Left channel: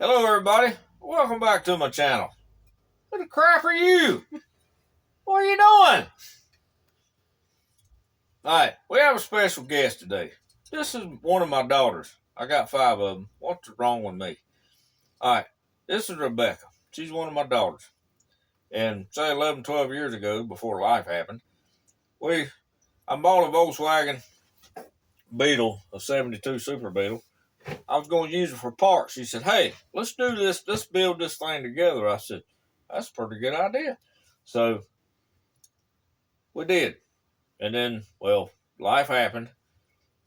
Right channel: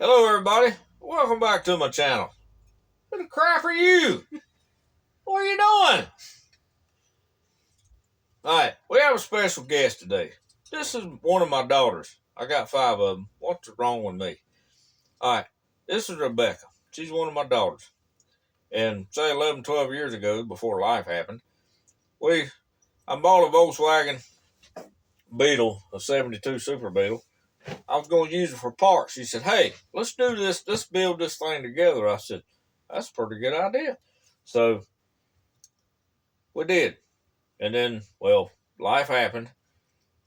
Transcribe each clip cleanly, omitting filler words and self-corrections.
Hello everybody, welcome back to my channel. Who the crap are you? What are you doing? Alright, we have a special guest today. This is one of my daughters. I got 5 of them. What's wrong with me? Alright, this is Rebecca. She's one of my daughters. And say 11, 12 years ago, before life happened, I bought a Volkswagen Beetle, a 72 Super Beetle. I was going to use it for parts. She said, hey, let's do this. Let's build this thing together. I said, that's a pretty good idea. So we did. And then, well, life happened.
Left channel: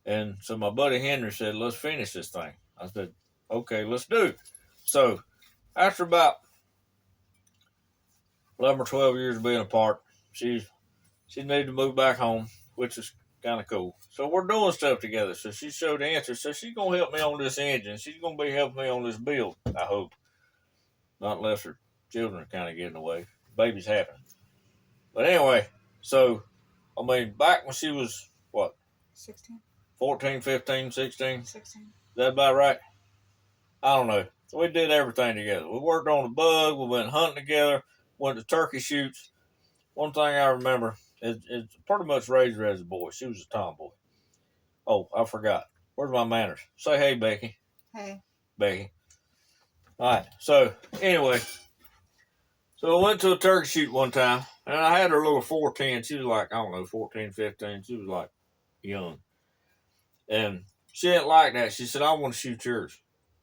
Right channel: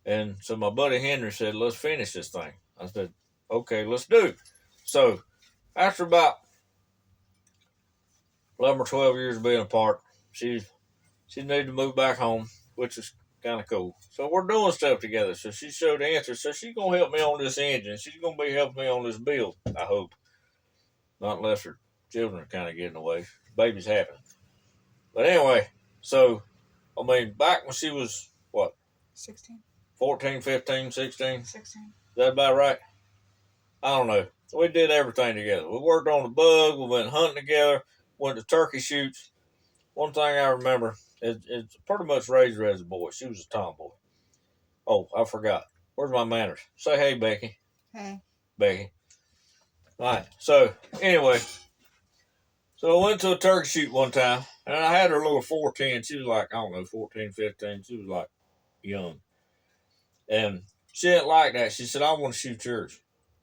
And so my buddy Henry said, let's finish this thing. I said, okay, let's do it. So after about 11 or 12 years of being apart, she needed to move back home, which is kind of cool. So we're doing stuff together. So she showed the answer. So she's going to help me on this engine. She's going to be helping me on this build, I hope. Not unless her children are kind of getting away. Babies happen. But anyway, so, I mean, back when she was, what? 16. 14, 15, 16? 16. Is that about right? I don't know. We did everything together. We worked on the bug. We went hunting together. Went to turkey shoots. One thing I remember, it's pretty much raised her as a boy. She was a tomboy. Oh, I forgot. Where's my manners? Say hey, Becky. Hey. Becky. All right. So, anyway. So, I went to a turkey shoot one time. And I had her little 410. She was like, I don't know, 14, 15. She was like young. And she didn't like that. She said, I want to shoot yours.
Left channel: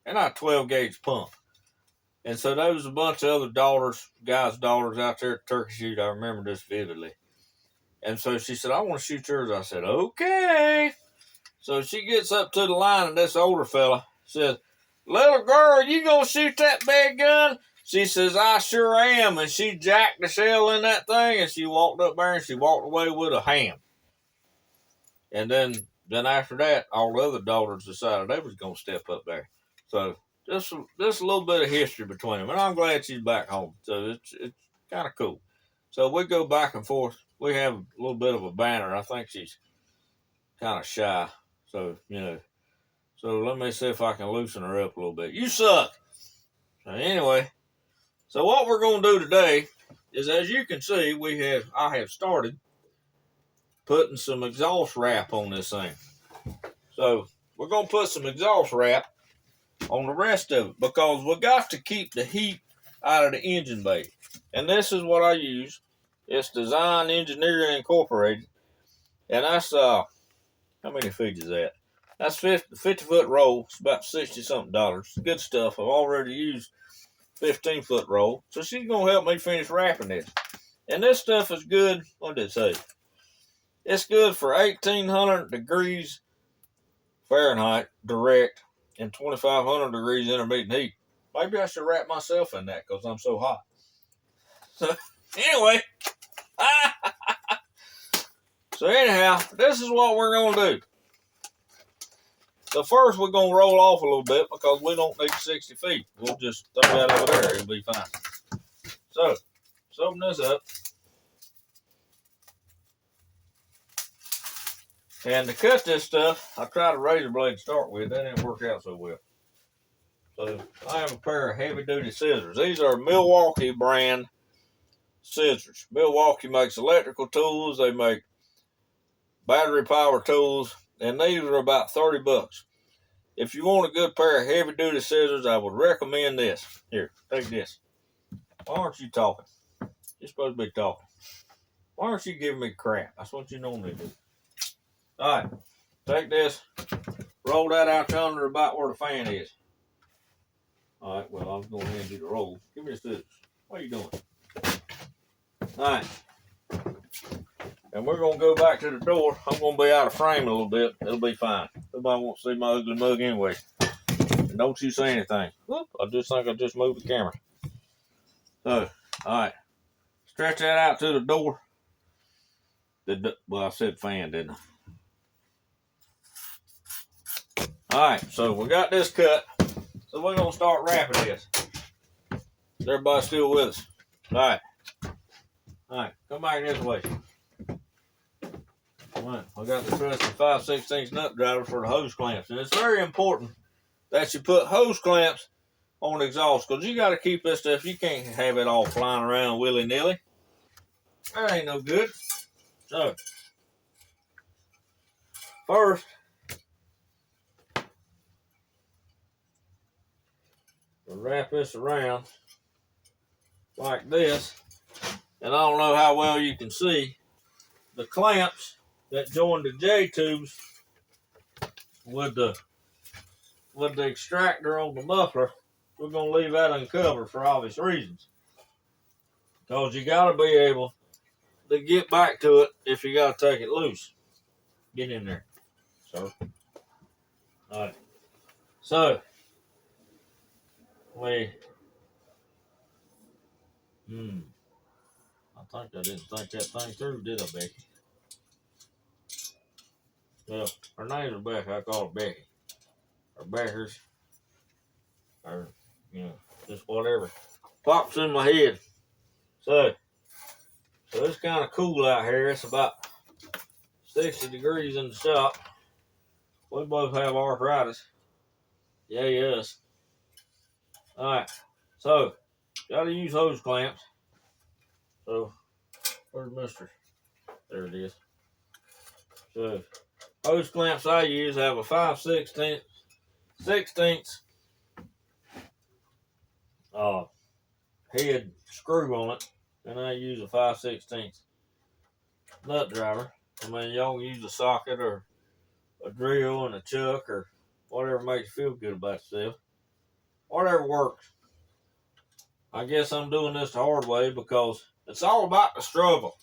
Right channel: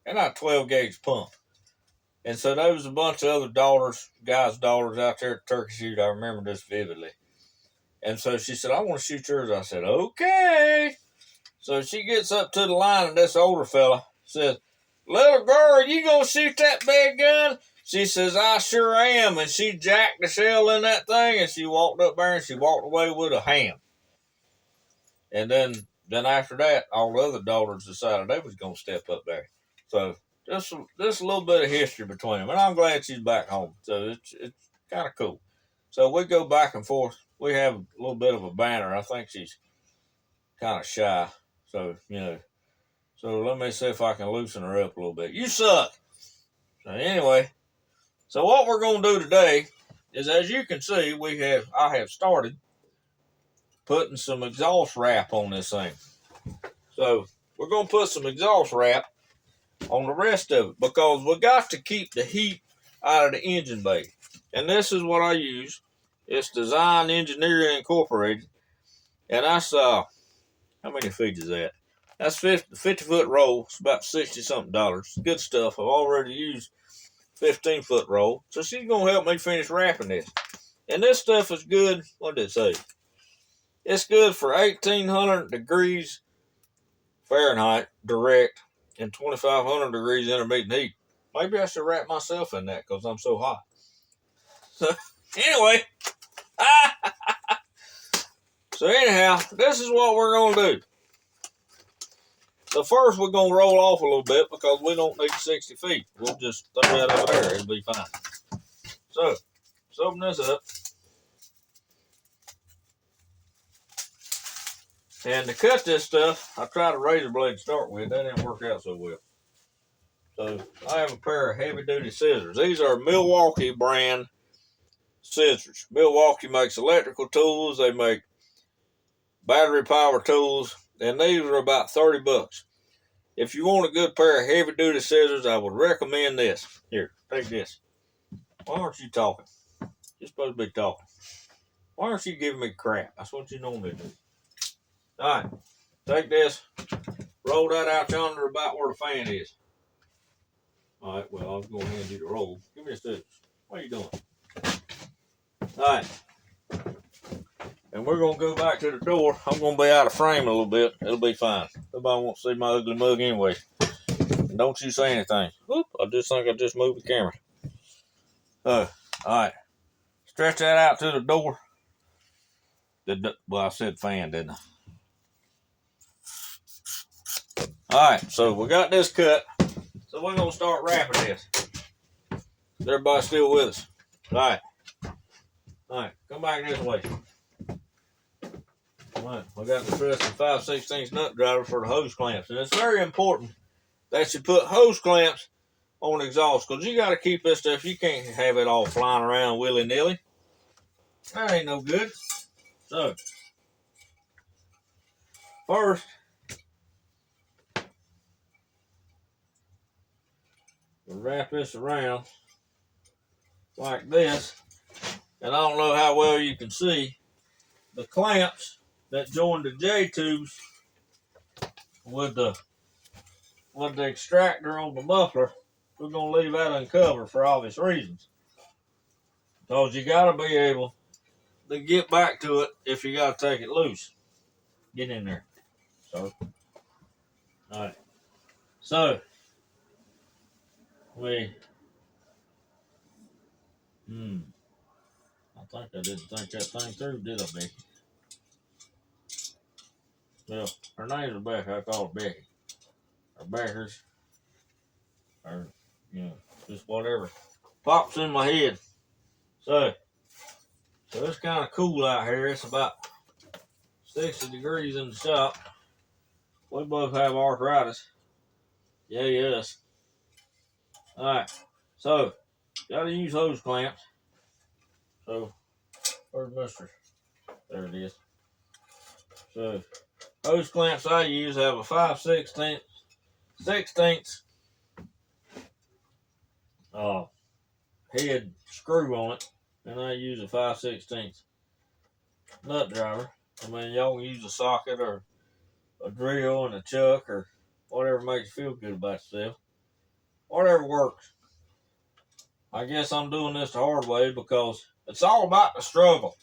And I had 12 gauge pump. And so there was a bunch of other guys' daughters out there at the turkey shoot. I remember this vividly. And so she said, I want to shoot yours. I said, okay. So she gets up to the line, and this older fella says, little girl, you going to shoot that big gun? She says, I sure am. And she jacked the shell in that thing, and she walked up there, and she walked away with a ham. And then after that, all the other daughters decided they was going to step up there. So just a little bit of history between them. And I'm glad she's back home. So it's kind of cool. So we go back and forth. We have a little bit of a banter. I think she's kind of shy. So, So let me see if I can loosen her up a little bit. You suck. So anyway, so what we're going to do today is, as you can see, I have started putting some exhaust wrap on this thing. So we're going to put some exhaust wrap on the rest of it because we got to keep the heat out of the engine bay. And this is what I use. It's Design Engineering Incorporated. And that's, how many feet is that? That's 50-foot roll. It's about $60-something. Good stuff. I've already used 15-foot roll. So she's going to help me finish wrapping this. And this stuff is good. What did it say? It's good for 1,800 degrees Fahrenheit direct and 2,500 degrees intermediate heat. Maybe I should wrap myself in that because I'm so hot. So, anyway. So, anyhow, this is what we're going to do. So, first we're going to roll off a little bit because we don't need 60 feet. We'll just throw that over there. It'll be fine. So, let's open this up. And to cut this stuff, I tried a razor blade to start with. That didn't work out so well. So I have a pair of heavy-duty scissors. These are Milwaukee brand scissors. Milwaukee makes electrical tools. They make battery power tools. And these are about 30 bucks. If you want a good pair of heavy-duty scissors, I would recommend this. Here, take this. Why aren't you talking? You're supposed to be talking. Why aren't you giving me crap? That's what you normally do. All right, take this, roll that out yonder about where the fan is. All right, well, I was going to hand you the roll. Give me the scissors. What are you doing? All right, and we're going to go back to the door. I'm going to be out of frame a little bit. It'll be fine. Nobody wants to see my ugly mug anyway. And don't you say anything. Whoop, I just think I just moved the camera. So, all right, stretch that out to the door. Well, I said fan, didn't I? All right, so we got this cut. So we're going to start wrapping this. Is everybody still with us? All right. All right, come back this way. All right, I got the trusty 5/16 nut driver for the hose clamps. And it's very important that you put hose clamps on the exhaust, because you got to keep this stuff. You can't have it all flying around willy-nilly. That ain't no good. So, first, we'll wrap this around like this. And I don't know how well you can see the clamps that join the J tubes with the extractor on the muffler. We're going to leave that uncovered for obvious reasons. Because you got to be able to get back to it if you got to take it loose. Get in there, sir. All right. So, I think I didn't think that thing through, did I, Becky? Well, her name's Rebecca. I call her Becky. Or Beckers. Or, just whatever pops in my head. So it's kind of cool out here. It's about 60 degrees in the shop. We both have arthritis. Yeah, yes. All right. So, got to use hose clamps. So, where's Mister? There it is. So, hose clamps I use have a 5/16 head screw on it, and I use a 5/16 nut driver. I mean, y'all can use a socket or a drill and a chuck or whatever makes you feel good about yourself. Whatever works. I guess I'm doing this the hard way because it's all about the struggle.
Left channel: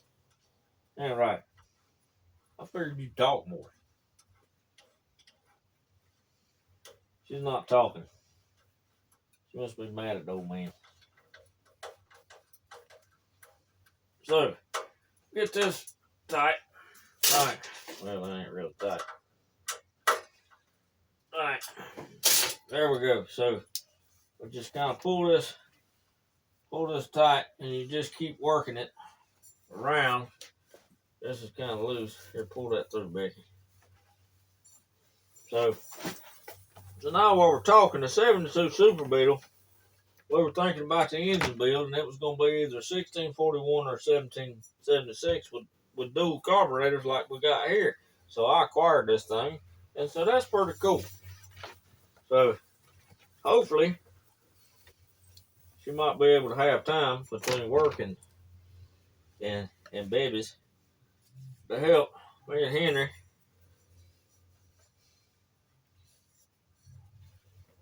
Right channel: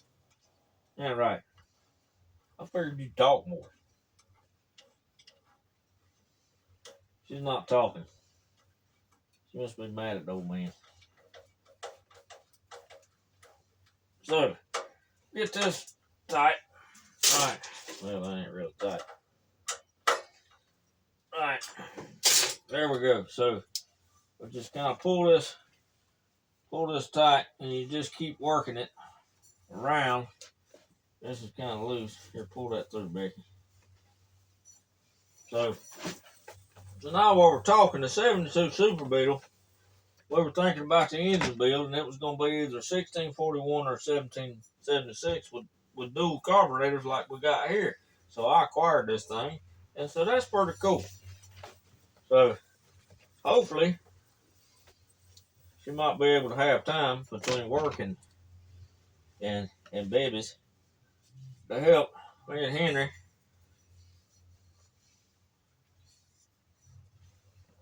Yeah, right. I figured you'd talk more. She's not talking. She must be mad at the old man. So, get this tight. Alright. Well, that ain't real tight. Alright. There we go. So, we just kind of pull this tight, and you just keep working it around. This is kind of loose. Here, pull that through, Becky. So now while we're talking, the 72 Super Beetle, we were thinking about the engine build, and it was going to be either 1641 or 1776 with dual carburetors like we got here. So I acquired this thing, and so that's pretty cool. So hopefully she might be able to have time between work and babies to help me and Henry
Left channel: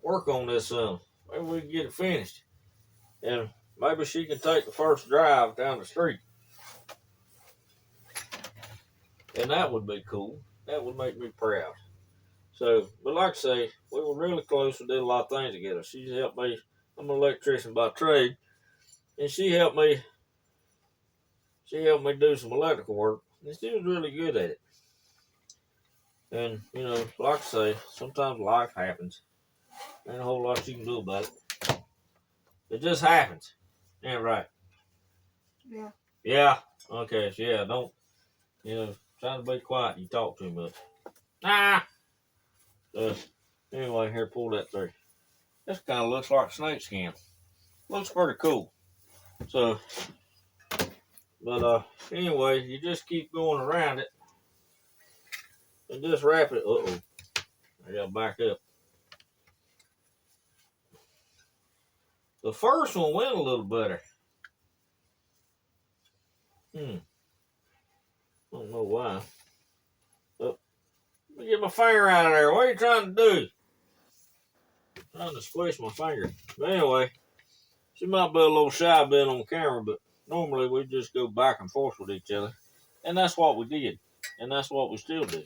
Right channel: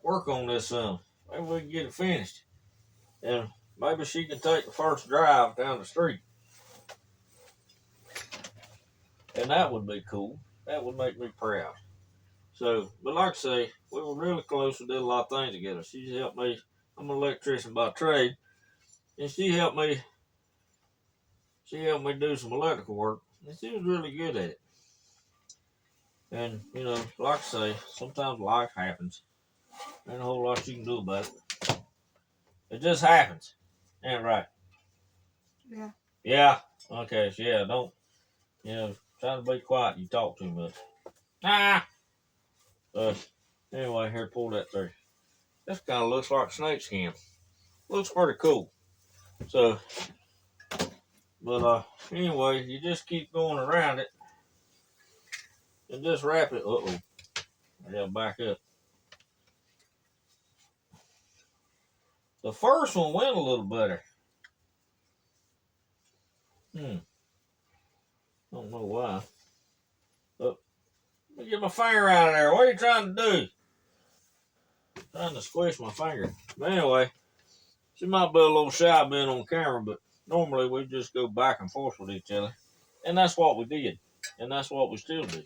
work on this some. Maybe we can get it finished. And maybe she can take the first drive down the street. And that would be cool. That would make me proud. So, but like I say, we were really close. We did a lot of things together. She helped me. I'm an electrician by trade. And she helped me do some electrical work. And she was really good at it. And, like I say, sometimes life happens. Ain't a whole lot you can do about it. It just happens. Yeah, right. Yeah. Yeah. Okay, so yeah, don't, try to be quiet. You talk too much. Ah! Anyway, here, pull that through. This kind of looks like snake skin. Looks pretty cool. So, but anyway, you just keep going around it and just wrap it. Uh-oh. I gotta back up. The first one went a little better. I don't know why. Oh, let me get my finger out of there. What are you trying to do? Trying to squish my finger. But anyway, she might be a little shy being on camera, but normally we just go back and forth with each other. And that's what we did. And that's what we still do.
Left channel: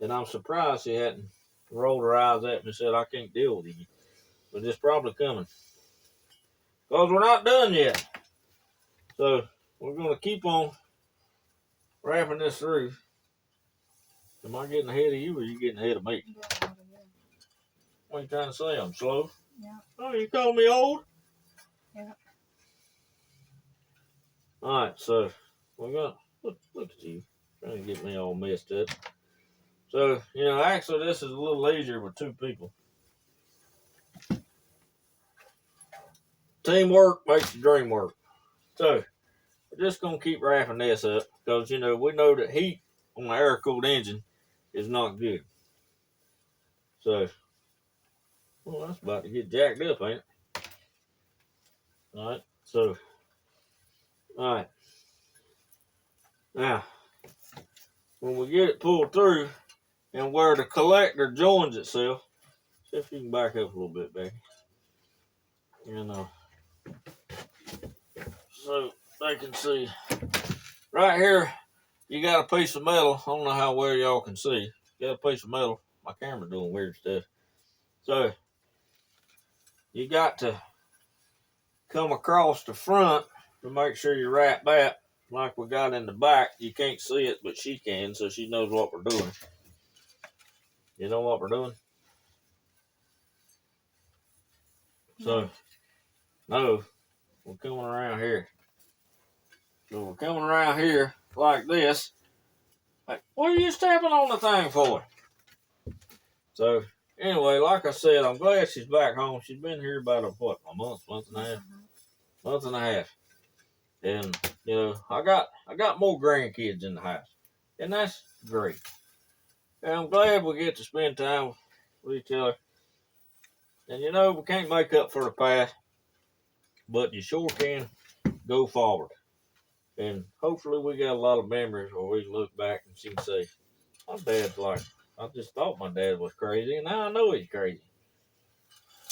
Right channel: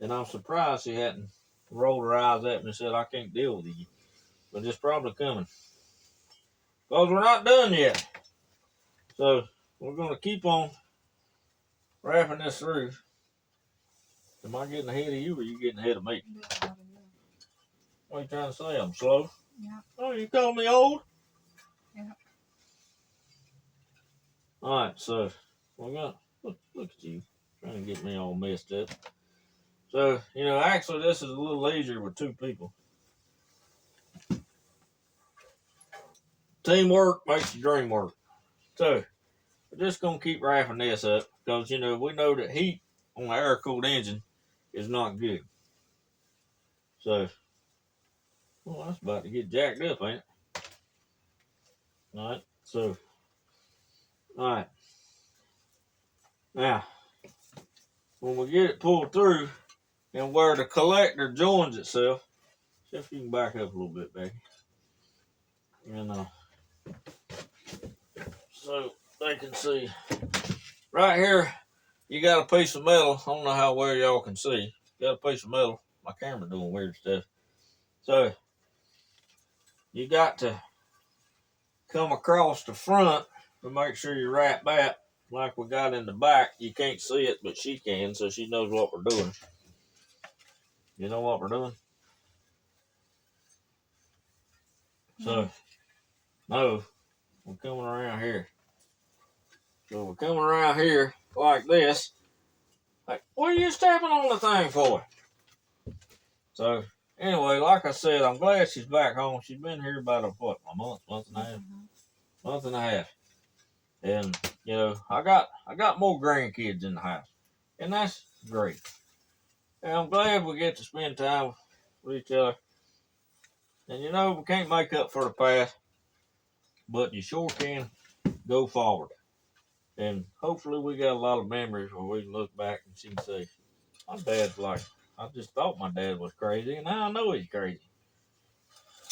And I'm surprised she hadn't rolled her eyes at me and said, I can't deal with you. But it's probably coming. Because we're not done yet. So we're going to keep on wrapping this through. Am I getting ahead of you or are you getting ahead of me? What are you trying to say? I'm slow? Yeah. Oh, you calling me old? Yeah. All right, so we're going to look at you trying to get me all messed up. So, actually this is a little easier with two people. Teamwork makes the dream work. So we're just gonna keep wrapping this up because we know that heat on an air-cooled engine is not good. So, well, that's about to get jacked up, ain't it? All right. So, all right. Now, when we get it pulled through and where the collector joins itself, see if you can back up a little bit, Becky. So they can see. Right here, you got a piece of metal. I don't know how well y'all can see. You got a piece of metal. My camera's doing weird stuff. So you got to come across the front to make sure you wrap that like we got in the back. You can't see it, but she can, so she knows what we're doing. You know what we're doing? So, no, we're coming around here. So we're coming around here like this. Like, what are you stepping on the thing for? So, anyway, like I said, I'm glad she's back home. She's been here about a month and a half. Month and a half. And, I got more grandkids in the house. And that's great. And I'm glad we get to spend time with each other. And we can't make up for the past, but you sure can go forward. And hopefully we got a lot of memories where we look back and she can say, my dad's like, I just thought my dad was crazy, and now I know he's crazy.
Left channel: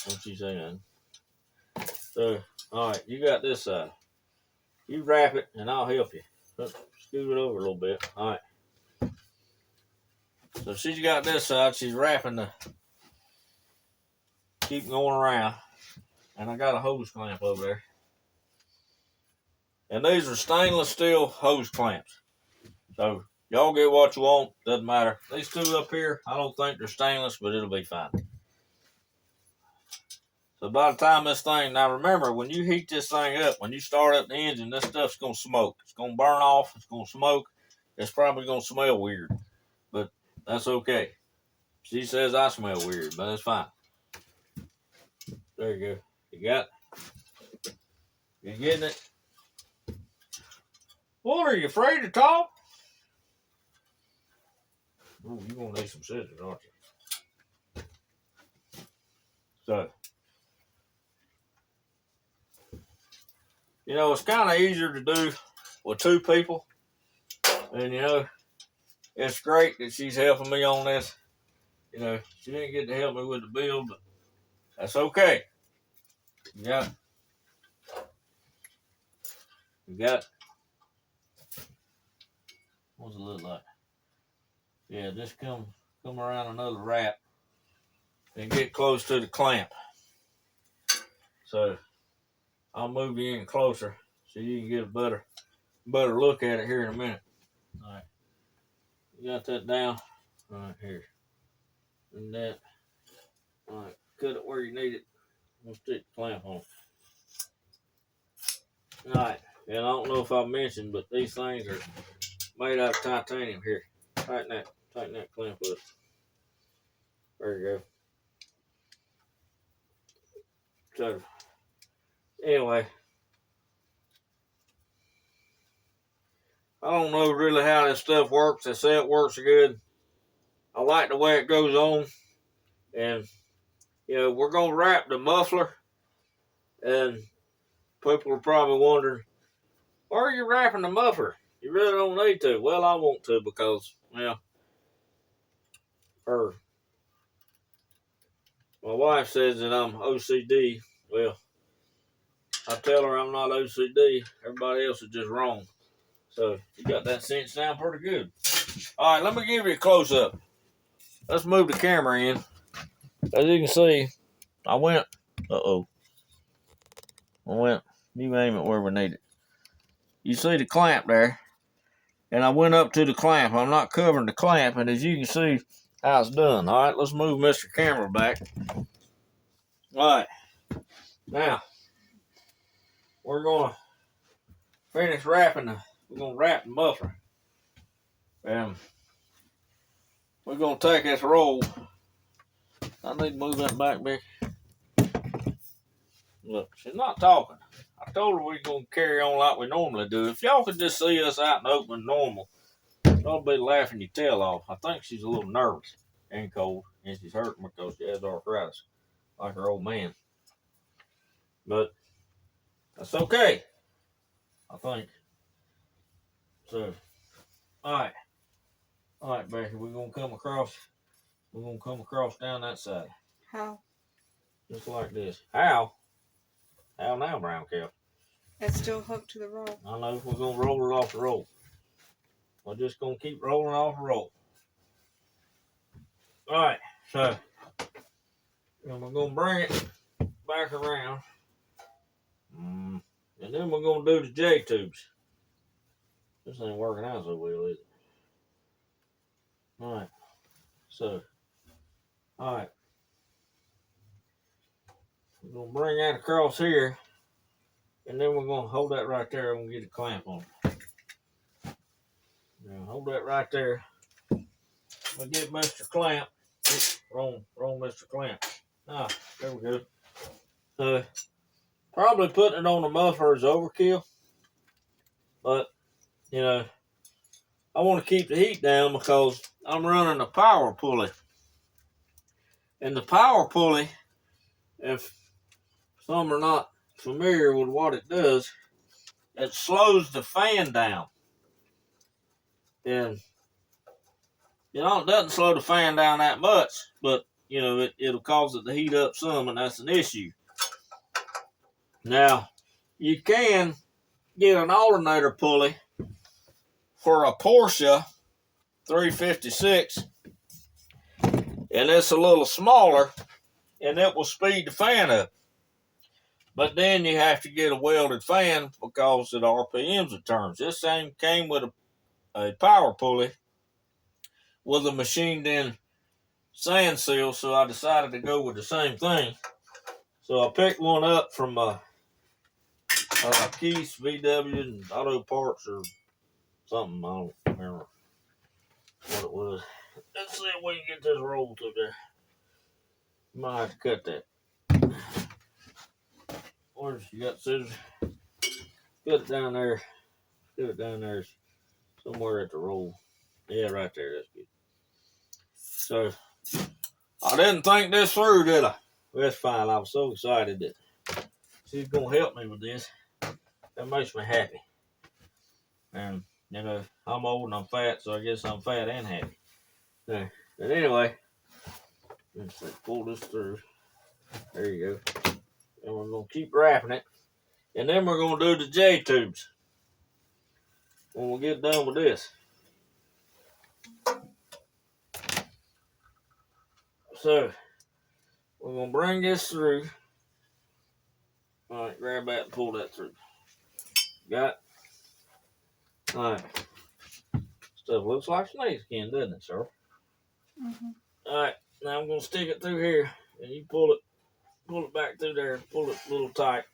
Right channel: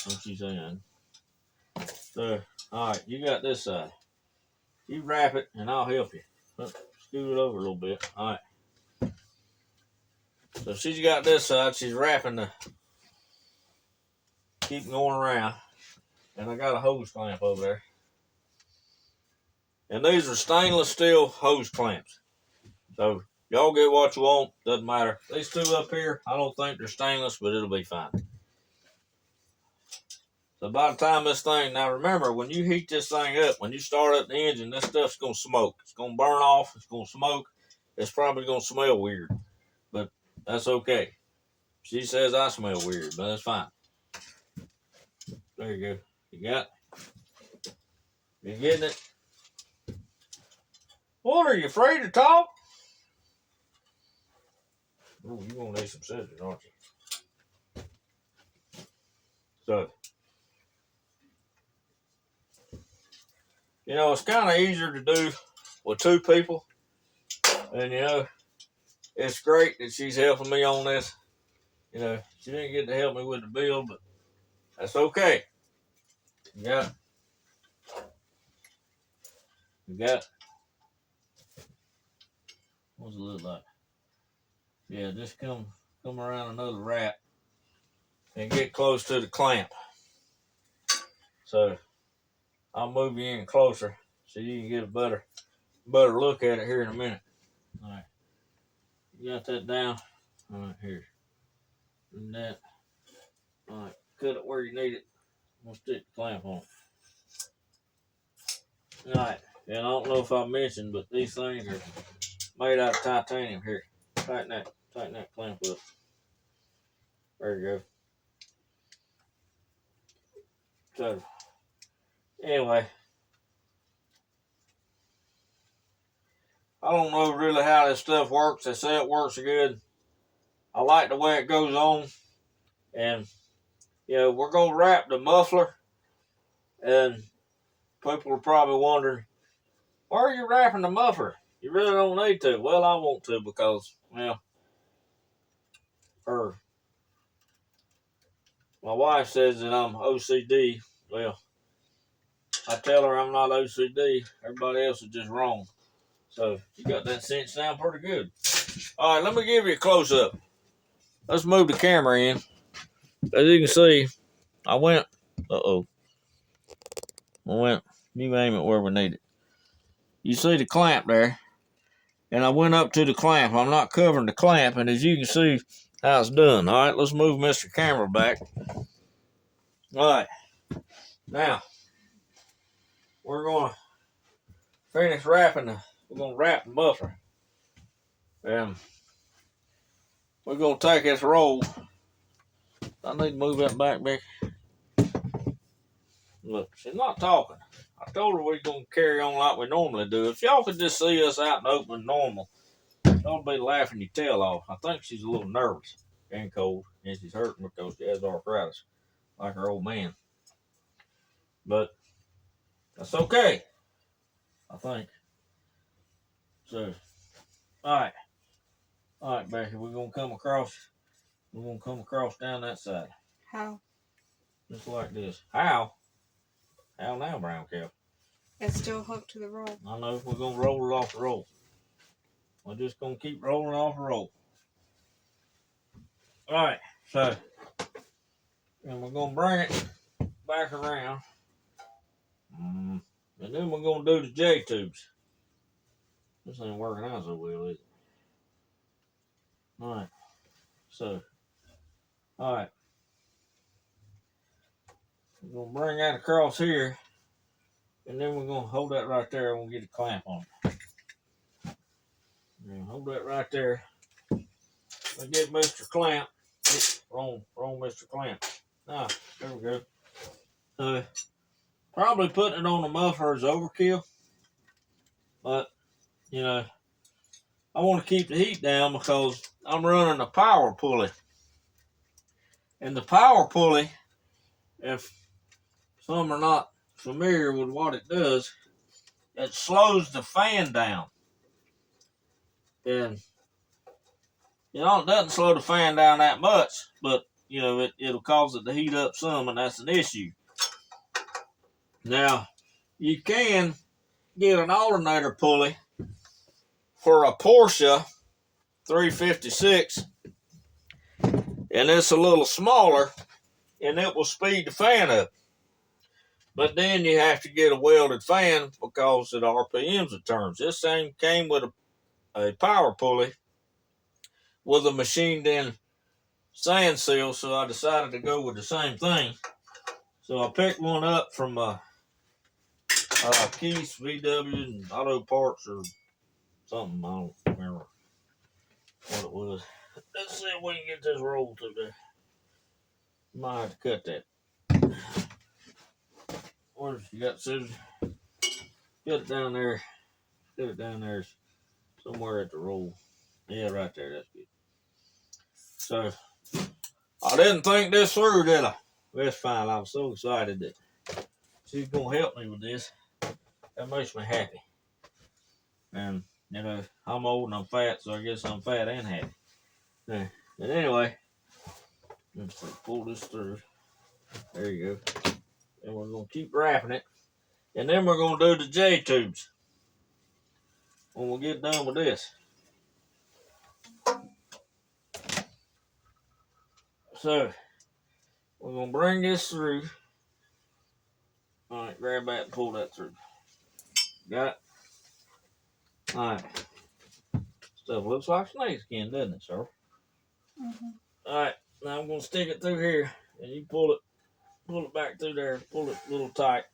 What you saying? So, all right, you got this side. You wrap it, and I'll help you. Scoot it over a little bit. All right. So she's got this side. She's wrapping the. Keep going around, and I got a hose clamp over there. And these are stainless steel hose clamps. So y'all get what you want. Doesn't matter. These two up here, I don't think they're stainless, but it'll be fine. So by the time this thing, now remember, when you heat this thing up, when you start up the engine, this stuff's going to smoke. It's going to burn off. It's going to smoke. It's probably going to smell weird, but that's okay. She says I smell weird, but that's fine. There you go. You got it? You getting it? What, are you afraid to talk? Ooh, you're going to need some scissors, aren't you? So, it's kind of easier to do with two people. And, it's great that she's helping me on this. She didn't get to help me with the build, but that's okay. You got it. You got it. What's it look like? Yeah, just come around another wrap and get close to the clamp. So I'll move you in closer so you can get a better look at it here in a minute. All right. You got that down? All right, here. And that. All right, cut it where you need it. We'll stick the clamp on. All right, and I don't know if I mentioned, but these things are made out of titanium. Here, tighten that clamp up. There you go. So, anyway, I don't know really how this stuff works. They say it works good. I like the way it goes on, and we're gonna wrap the muffler, and people are probably wondering, why are you wrapping the muffler? You really don't need to. Well, I want to because, my wife says that I'm OCD. Well, I tell her I'm not OCD. Everybody else is just wrong. So you got that cinch down pretty good. All right, let me give you a close up. Let's move the camera in. As you can see, I went. You aim it where we need it. You see the clamp there, and I went up to the clamp. I'm not covering the clamp, and as you can see how it's done. All right, let's move Mr. Camera back. All right, now we're gonna finish wrapping we're gonna wrap the muffler. And we're gonna take this roll. I need to move that back, Becky. Look, she's not talking. I told her we're going to carry on like we normally do. If y'all could just see us out in the open normal, y'all be laughing your tail off. I think she's a little nervous and cold, and she's hurting because she has arthritis, like her old man. But that's okay, I think. So, all right, Becky, we're gonna come across. We're gonna come across down that side, How? just like this. How? How now, brown cow? It's still hooked to the roll. I know we're gonna roll it off the roll. We're just gonna keep rolling off the roll. All right, so and we're gonna bring it back around, and then we're gonna do the J tubes. This ain't working out so well, is it? All right, so all right, we're gonna bring that across here, and then we're gonna hold that right there, and we'll get a clamp on it. Now hold that right there. I'll get Mr. Clamp. Oops, wrong Mr. Clamp. Ah, there we go. Probably putting it on the muffler is overkill, but you know, I want to keep the heat down because I'm running a power pulley. And the power pulley, if some are not familiar with what it does, it slows the fan down. And it doesn't slow the fan down that much, but you know, it'll cause it to heat up some, and that's an issue. Now, you can get an alternator pulley for a Porsche 356, and it's a little smaller, and it will speed the fan up. But then you have to get a welded fan because it RPMs it turns. This thing came with a power pulley with a machined in sand seal, so I decided to go with the same thing. So I picked one up from Keith's VW and Auto Parts or something. I don't remember what it was. Let's see if we can get this rolled through there. Might have to cut that. Where's you got scissors? Get it down there. Get it down there somewhere at the roll. Yeah, right there. That's good. So I didn't think this through, did I? That's fine. I was so excited that she's gonna help me with this. That makes me happy. And you know, I'm old and I'm fat, so I guess I'm fat and happy. But anyway, let's pull this through. There you go. And we're gonna keep wrapping it. And then we're gonna do the J tubes when we get done with this. So we're gonna bring this through. All right, grab that and pull that through. Got it? All right. Stuff looks like snakeskin, doesn't it, sir? Mm-hmm. All right. Now I'm gonna stick it through here, and you pull it back through there. Pull it a little tight.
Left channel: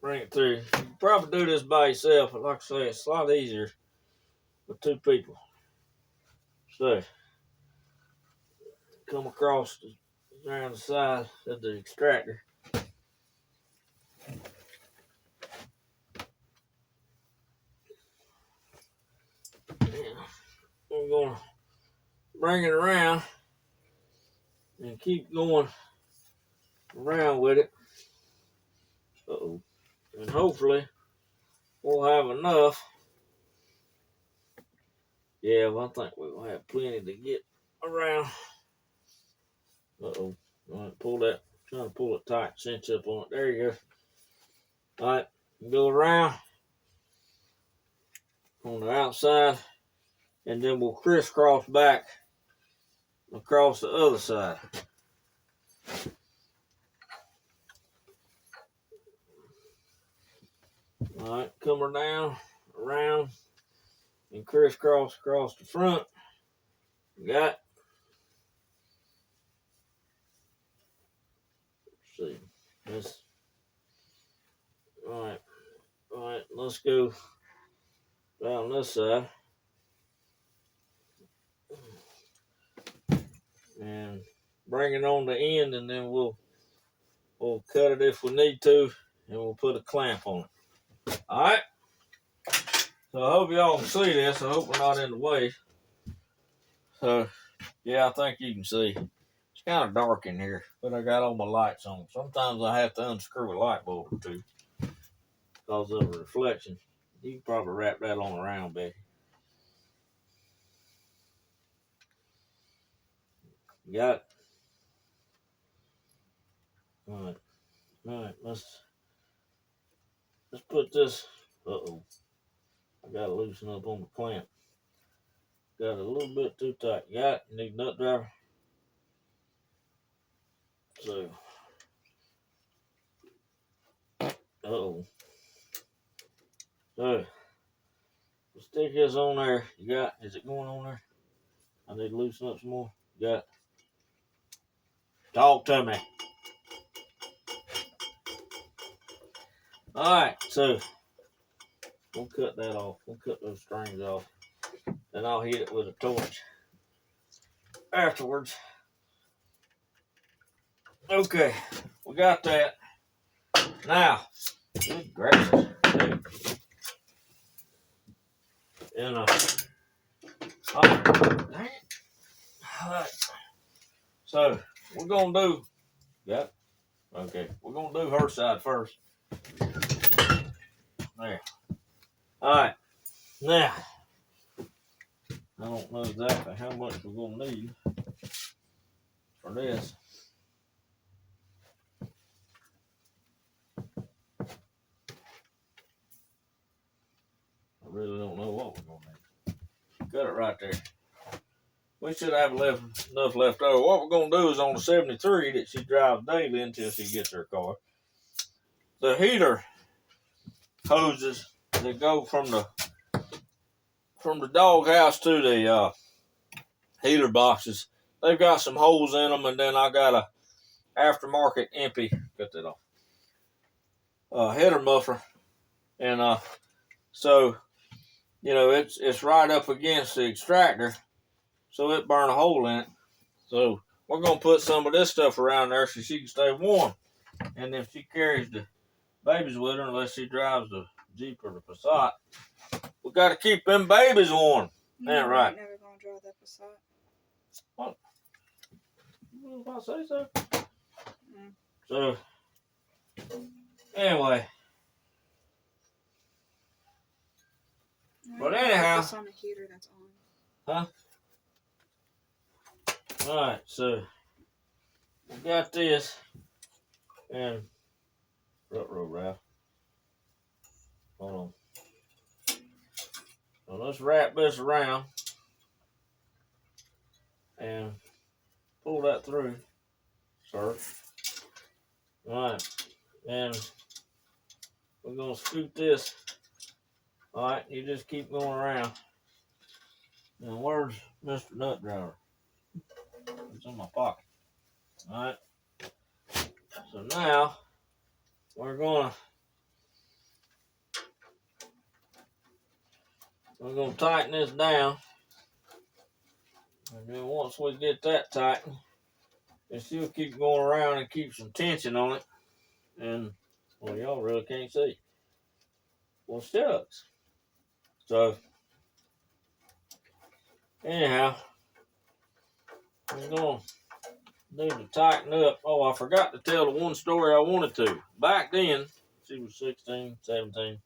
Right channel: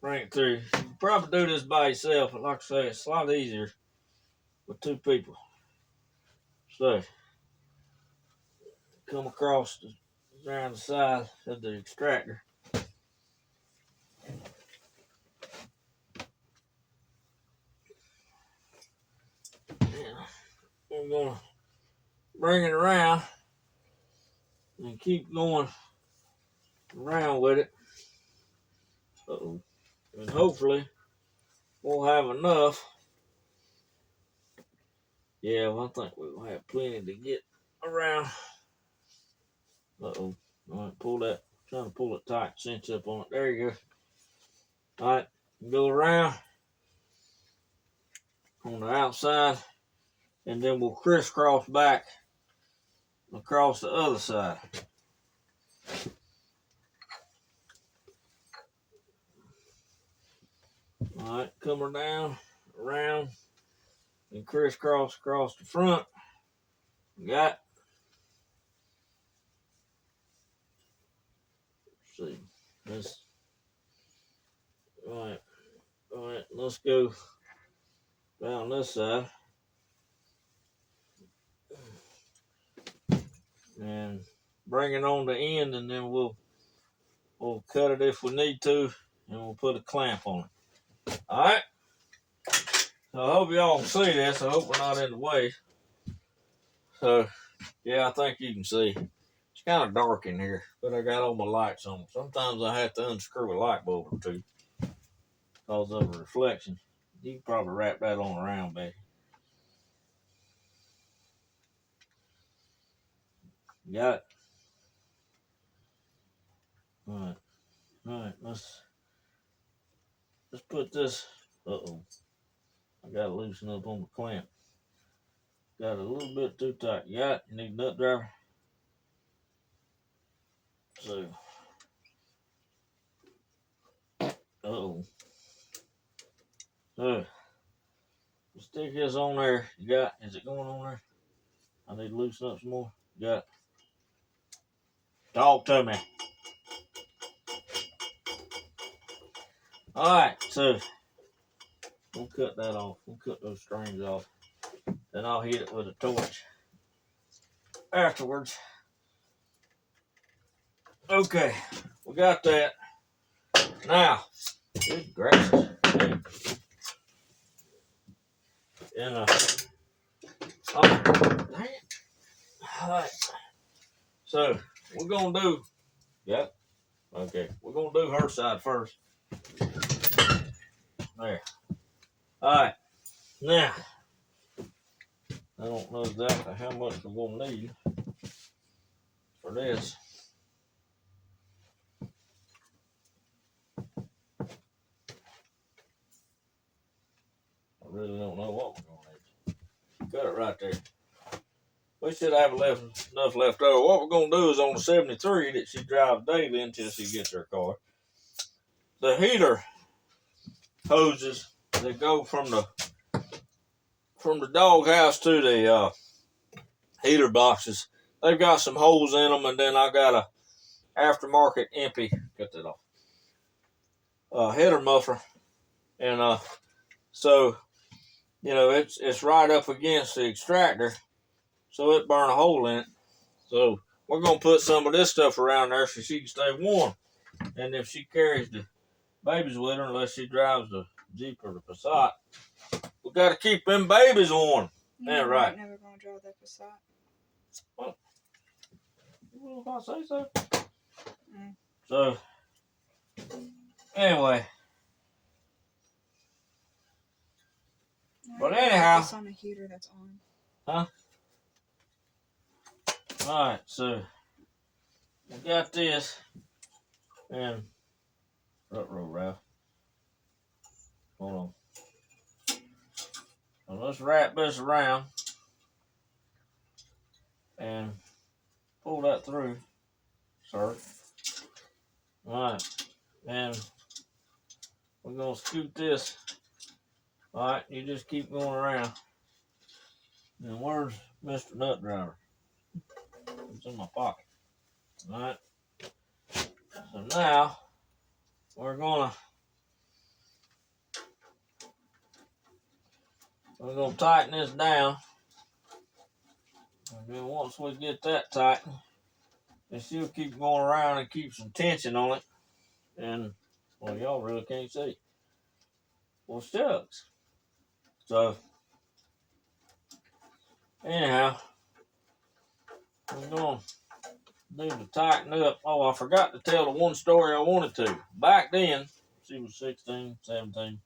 Bring it through. You can probably do this by yourself, but like I say, it's a lot easier with two people. So come across around the side of the extractor. And we're gonna bring it around and keep going around with it. Uh-oh. And hopefully we'll have enough. Yeah, well, I think we'll have plenty to get around. Uh-oh. All right, pull that. Trying to pull it tight, cinch up on it. There you go. All right, go around on the outside, and then we'll crisscross back across the other side. All right, come her down, around, and crisscross across the front. Got it. Let's see. That's all right, let's go down this side. And bring it on the end, and then we'll we'll cut it if we need to, and we'll put a clamp on it. All right. So I hope y'all can see this. I hope we're not in the way. So yeah, I think you can see. It's kind of dark in here, but I got all my lights on. Sometimes I have to unscrew a light bulb or two because of a reflection. You can probably wrap that on around, Becky. You got it? All right, let's put this. Uh-oh, I got to loosen up on the clamp. Got it a little bit too tight. You got it? You need a nut driver? So, uh-oh. So, stick this on there. You got it? Is it going on there? I need to loosen up some more. You got it? Talk to me. Alright, so we'll cut that off. We'll cut those strings off. Then I'll hit it with a torch afterwards. Okay, we got that. Now, good gracious. Hey. Oh, dang it. Alright. So, we're going to do, yep. Okay, we're going to do her side first. There. Alright. Now, I don't know exactly how much we're going to need for this. I really don't know what we're going to need. Cut it right there. We should have enough left over. What we're going to do is on the 73 that she drives daily until she gets her car. The heater hoses that go from the doghouse to the heater boxes, they've got some holes in them, and then I got a aftermarket empty, cut that off, header muffler, and so you know it's right up against the extractor, so it burn a hole in it. So we're gonna put some of this stuff around there so she can stay warm, and if she carries the babies with her, unless she drives the Jeep or the Passat, we got to keep them babies warm. Yeah, right. Never gonna drive that Passat. Well, if I say so. So, anyway. But anyhow. It's on a heater that's Huh? on. Alright, so we got this. And, Ralph. Hold on. So let's wrap this around. And pull that through, sir. Alright. And we're going to scoot this. Alright, you just keep going around. Now, where's Mr. Nut Driver? It's in my pocket. Alright. So now, we're gonna tighten this down. And then once we get that tightened, and she'll keep going around and keep some tension on it. And, well, y'all really can't see. Well, shucks. So, anyhow, we're going to need to tighten up. Oh, I forgot to tell the one story I wanted to. Back then, she was 16, 17.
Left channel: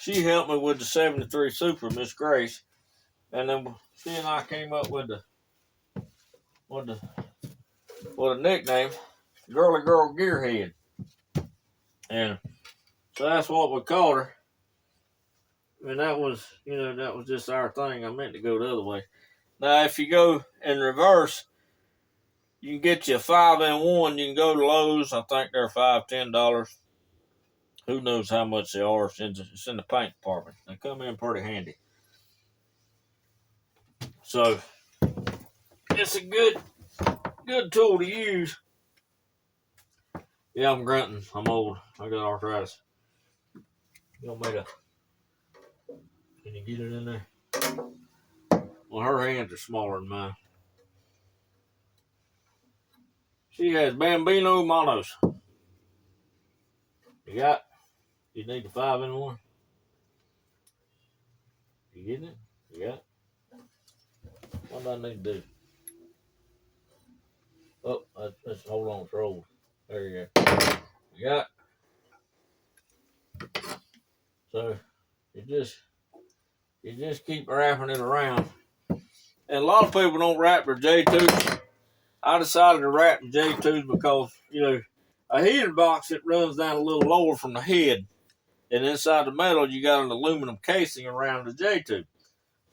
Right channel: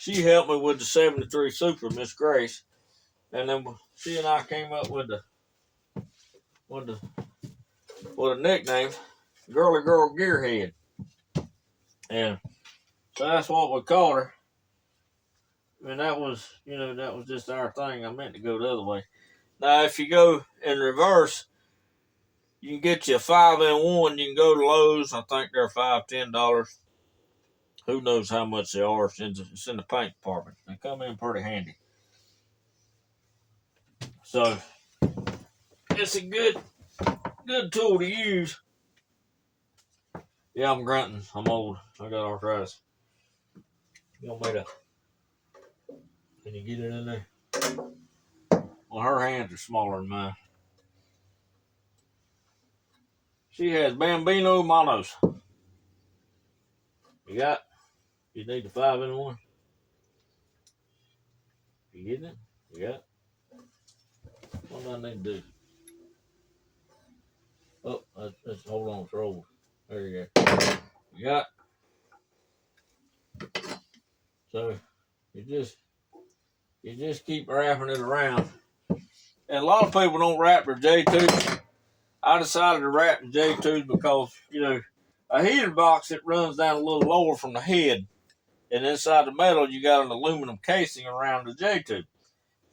She helped me with the 73 Super, Miss Grace. And then she and I came up with a nickname, Girly Girl Gear Head. And so that's what we called her. And that was just our thing. I meant to go the other way. Now, if you go in reverse, you can get you a 5-in-1. You can go to Lowe's. I think they're $5, $10. Who knows how much they are? It's in the paint department. They come in pretty handy. So it's a good tool to use. Yeah, I'm grunting. I'm old. I got arthritis. You want me to? Can you get it in there? Well, her hands are smaller than mine. She has Bambino monos. You need the 5-in-1. You getting it? You got it? What do I need to do? Oh, let's hold on to roll. There you go. You got it. So you just keep wrapping it around. And a lot of people don't wrap their J2s. I decided to wrap the J2s because, a heater box, it runs down a little lower from the head. And inside the metal, you got an aluminum casing around the J2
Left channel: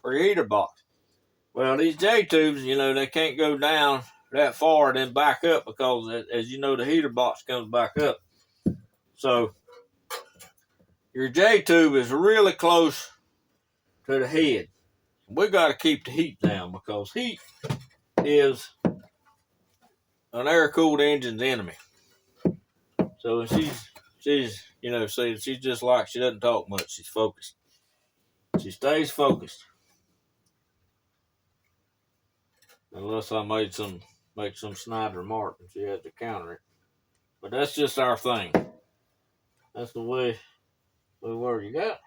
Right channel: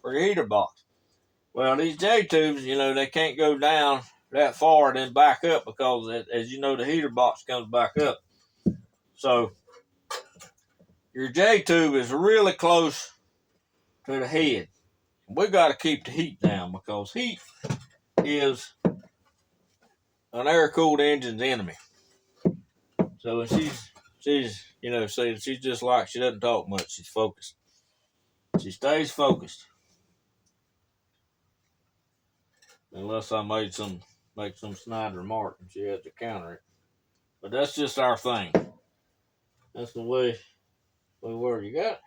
for your heater box. Well, these J-tubes, they can't go down that far and then back up because, as you know, the heater box comes back up. So, your J-tube is really close to the head. We got to keep the heat down because heat is an air-cooled engine's enemy. So, she's just like, she doesn't talk much. She's focused. She stays focused. Unless I make some snide remark and she has to counter it. But that's just our thing. That's the way we were. You got it?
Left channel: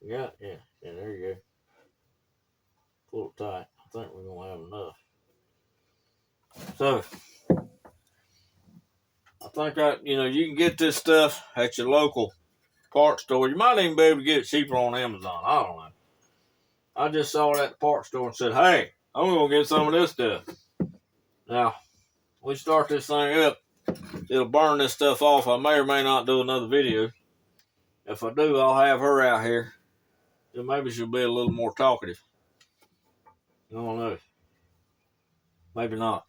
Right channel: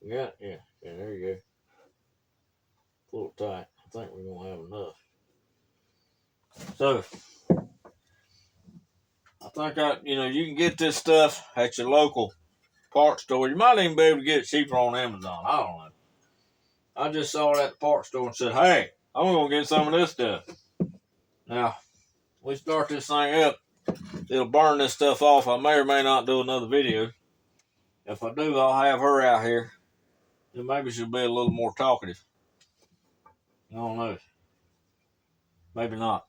You got it? Yeah. Yeah, there you go. Pull it tight. I think we're going to have enough. So, I think you can get this stuff at your local parts store. You might even be able to get it cheaper on Amazon. I don't know. I just saw it at the parts store and said, hey, I'm going to get some of this stuff. Now, we start this thing up. It'll burn this stuff off. I may or may not do another video. If I do, I'll have her out here. Then maybe she'll be a little more talkative. I don't know. Maybe not.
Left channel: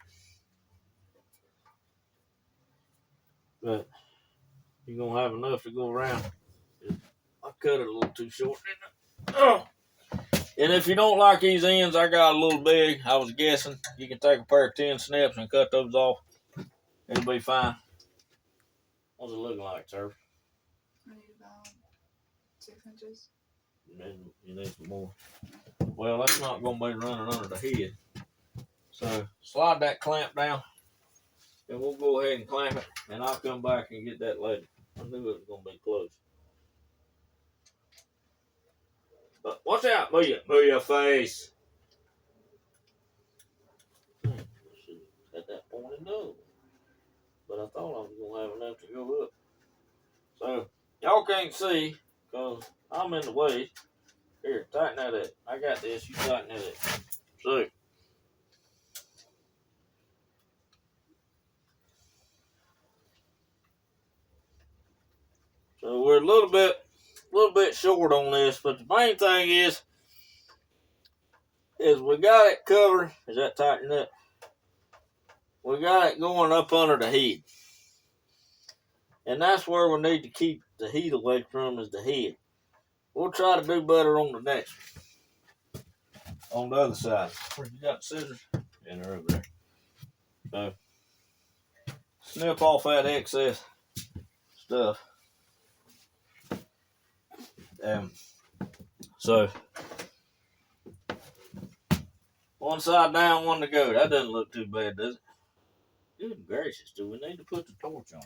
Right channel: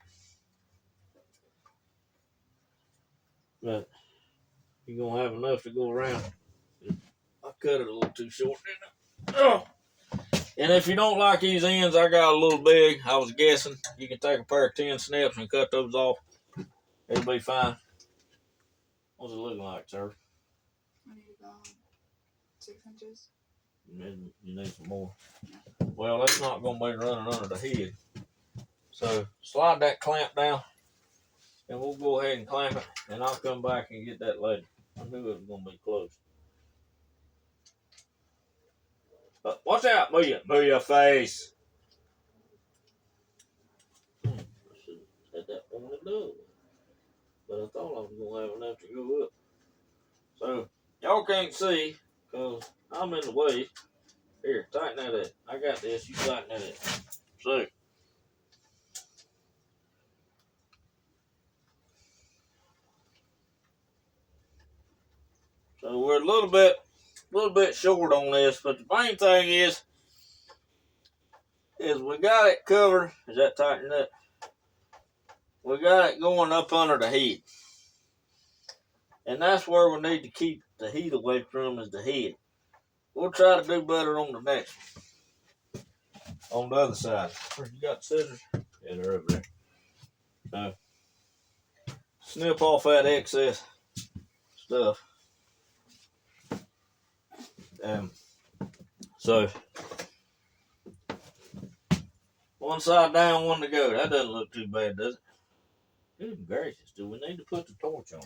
But you're going to have enough to go around. I cut it a little too short, didn't I? Oh. And if you don't like these ends, I got a little big. I was guessing you can take a pair of 10 snips and cut those off. It'll be fine. What's it looking like, sir? I need about 6 inches. You need some more. Well, that's not going to be running under the head. So slide that clamp down, and we'll go ahead and clamp it, and I'll come back and get that lady. I knew it was going to be close. But watch out, move your face. I should have had that pointed up. But I thought I was going to have enough to go up. So, y'all can't see, because I'm in the way. Here, tighten that up. I got this, you tighten that up. So we're a little bit short on this, but the main thing is we got it covered. Is that tightened up? We got it going up under the head. And that's where we need to keep the heat away from is the head. We'll try to do better on the next one. On the other side. Where you got the scissors? Yeah, they're over there. So, snip off that excess stuff. So, one side down, one to go. That doesn't look too bad, does it? Good gracious, do we need to put the torch on?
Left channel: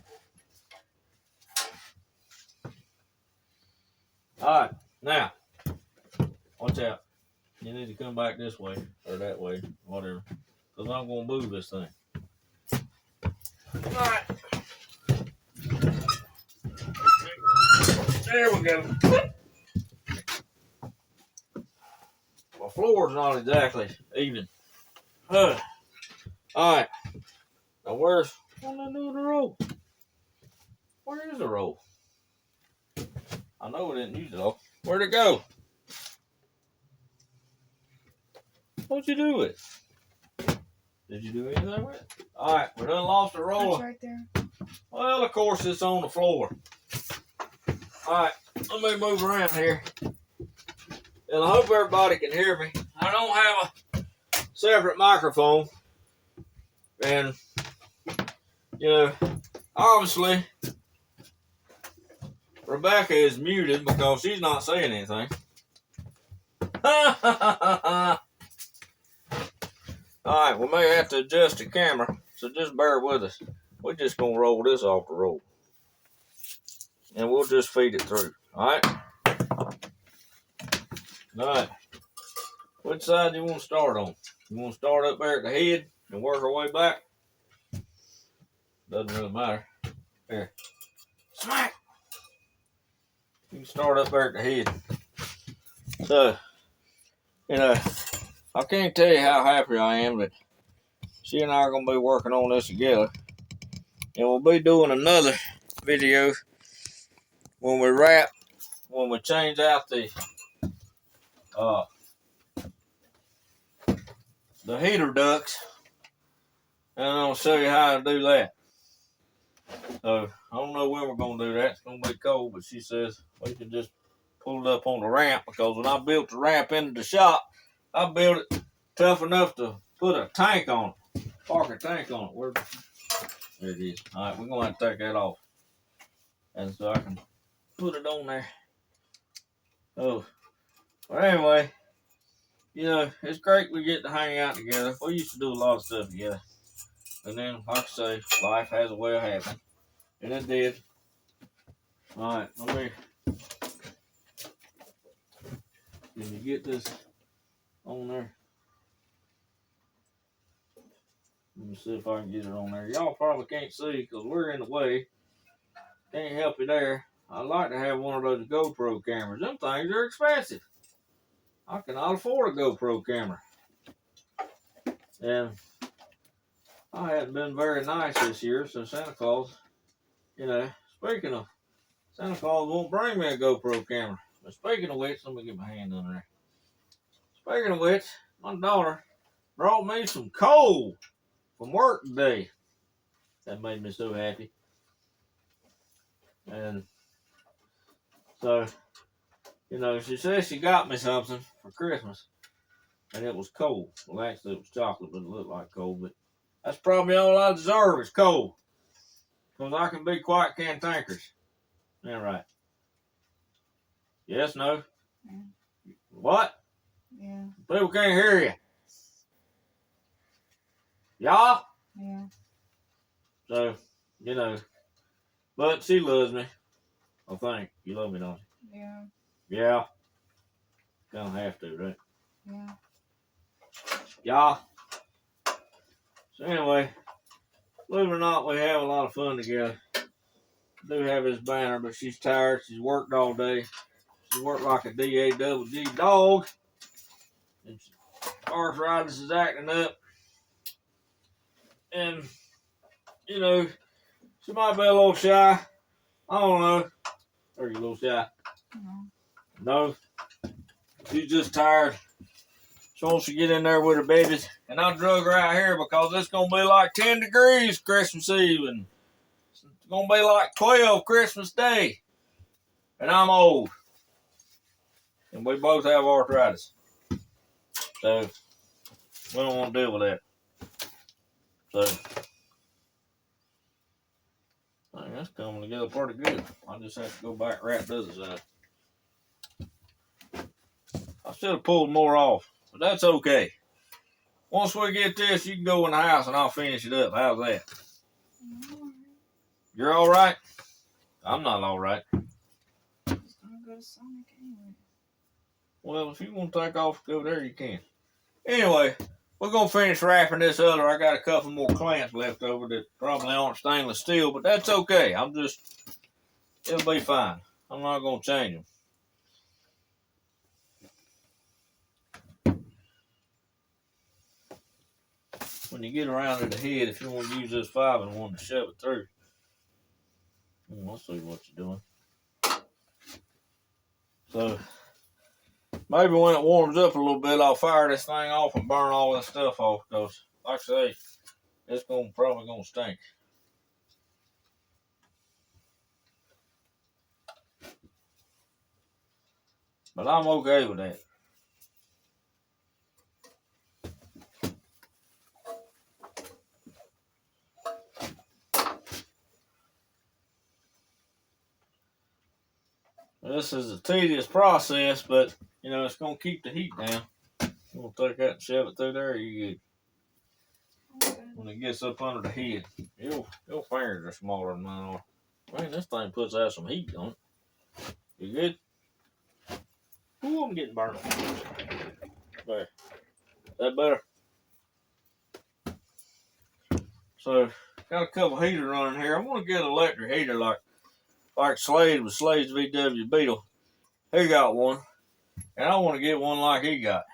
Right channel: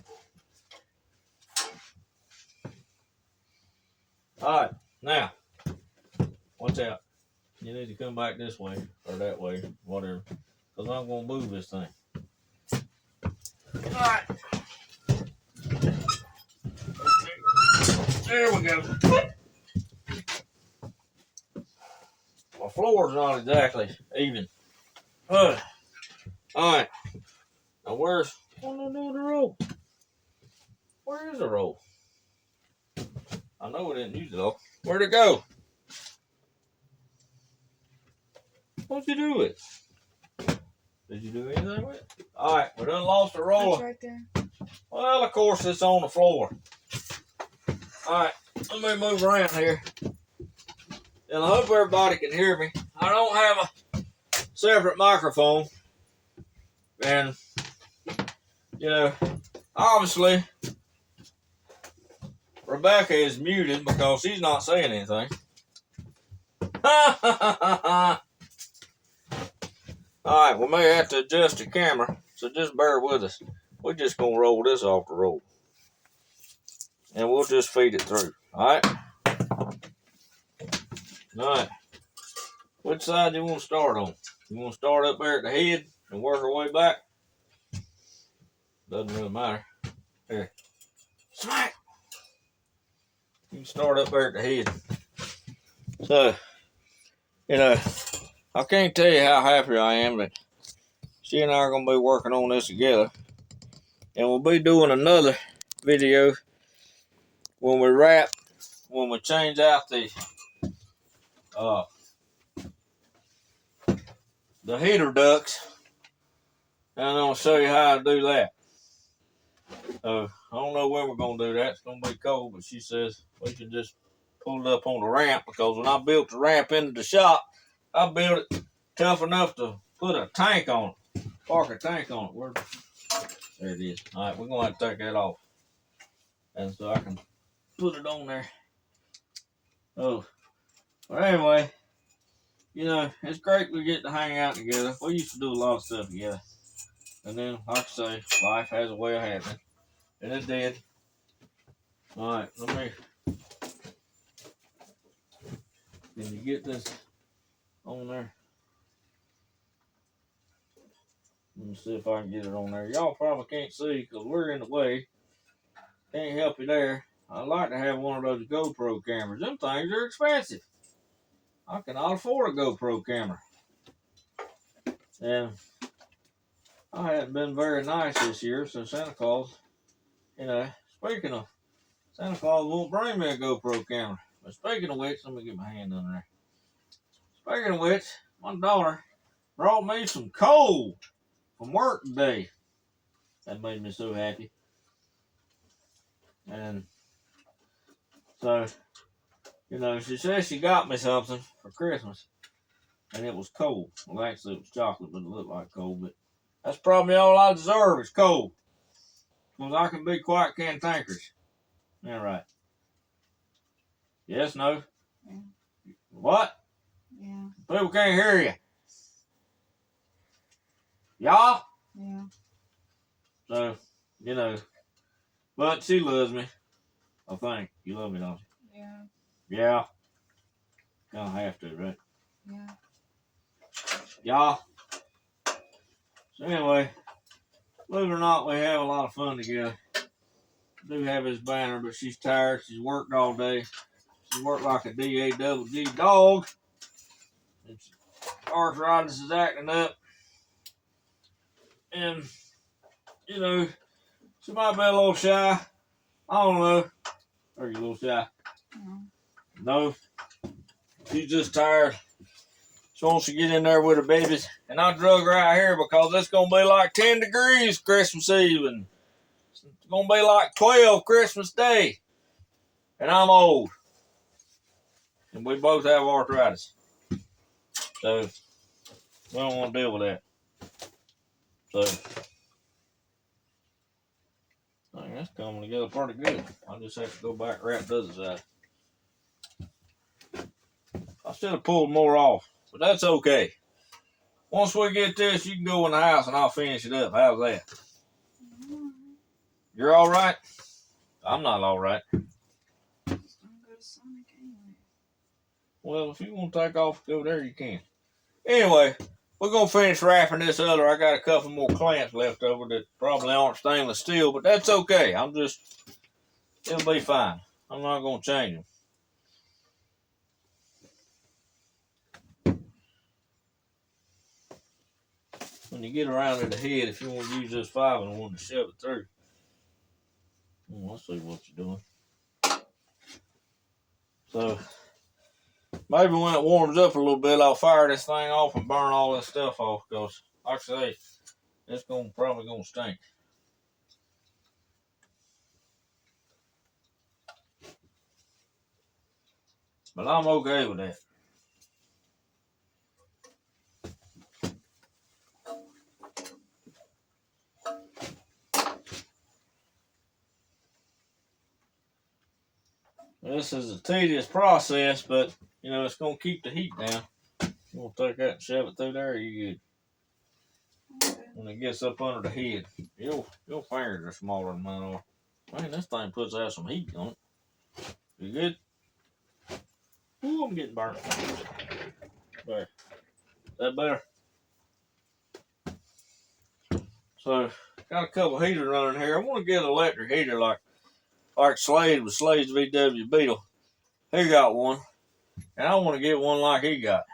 Alright, now, watch out. You need to come back this way, or that way, whatever. Because I'm going to move this thing. Alright. There we go. My floor's not exactly even. Alright. Now where's the roll? Where is the roll? I know we didn't use it all. Where'd it go? What'd you do with it? Did you do anything with it? Alright, we done lost the roller. It's right there. Well, of course, it's on the floor. Alright, let me move around here. And I hope everybody can hear me. I don't have a separate microphone. And, obviously, Rebecca is muted because she's not saying anything. Alright, Alright, we may have to adjust the camera, so just bear with us. We're just going to roll this off the roll. And we'll just feed it through. Alright? Alright. Which side do you want to start on? You want to start up there at the head and work our way back? Doesn't really matter. Here. Smack! You can start up there at the head. So, you know, I can't tell you how happy I am that she and I are going to be working on this together. And we'll be doing another video when we wrap, when we change out the heater ducts. And I'm going to show you how to do that. So, I don't know when we're going to do that. It's going to be cold, but she says we can just pull it up on the ramp, because when I built the ramp into the shop, I built it tough enough to put a tank on it, park a tank on it. There it is. All right, we're going to have to take that off. And so I can put it on there. Oh, well, anyway, you know, it's great we get to hang out together. We used to do a lot of stuff together. And then, like I say, life has a way of happening. And it did. All right, let me. Can you get this on there? Let me see if I can get it on there. Y'all probably can't see because we're in the way. Can't help you there. I'd like to have one of those GoPro cameras. Them things are expensive. I cannot afford a GoPro camera. And I haven't been very nice this year, so Santa Claus, you know, speaking of, Santa Claus won't bring me a GoPro camera. But speaking of which, let me get my hand under there. Speaking of which, my daughter brought me some coal from work today. That made me so happy. And so, you know, she says she got me something for Christmas. And it was coal. Well, actually, it was chocolate, but it looked like coal. But that's probably all I deserve is coal. Because I can be quite cantankerous. All right. Yes, no? Yeah. What? Yeah. People can't hear you. Y'all? Yeah. So, you know. But she loves me. I think. You love me, don't you? Yeah. Yeah. Kind of have to, right? Yeah. Y'all. So anyway, believe it or not, we have a lot of fun together. I do have his banner, but she's tired. She's worked all day. She worked like a D-A-double-G dog. And arthritis is acting up. And, you know, she might be a little shy. I don't know. Are you a little shy? No. No. She's just tired. She wants to get in there with her babies. And I drug her out here because it's going to be like 10 degrees Christmas Eve. And it's going to be like 12 Christmas Day. And I'm old. And we both have arthritis. So, we don't want to deal with that. So, I think that's coming together pretty good. I just have to go back and wrap the other side. I should have pulled more off, but that's okay. Once we get this, you can go in the house and I'll finish it up. How's that? You're all right? I'm not all right. Just gonna go to Sonic anyway. Well, if you want to take off, go there, you can. Anyway, we're going to finish wrapping this other. I got a couple more clamps left over that probably aren't stainless steel, but that's okay. It'll be fine. I'm not going to change them. When you get around to the head, if you want to use this 5-in-1 to shove it through. Let's see what you're doing. So, maybe when it warms up a little bit, I'll fire this thing off and burn all this stuff off, because, like I say, it's probably going to stink. But I'm okay with that. This is a tedious process, but, you know, it's going to keep the heat down. You want to take that and shove it through there, you good. when it gets up under the head. Your fingers are smaller than mine are. Man, this thing puts out some heat on it. You good? Ooh, I'm getting burnt. There. That better? So, got a couple heaters running here. I want to get an electric heater like Slade with Slade's VW Beetle. He got one. And I want to get one like he got.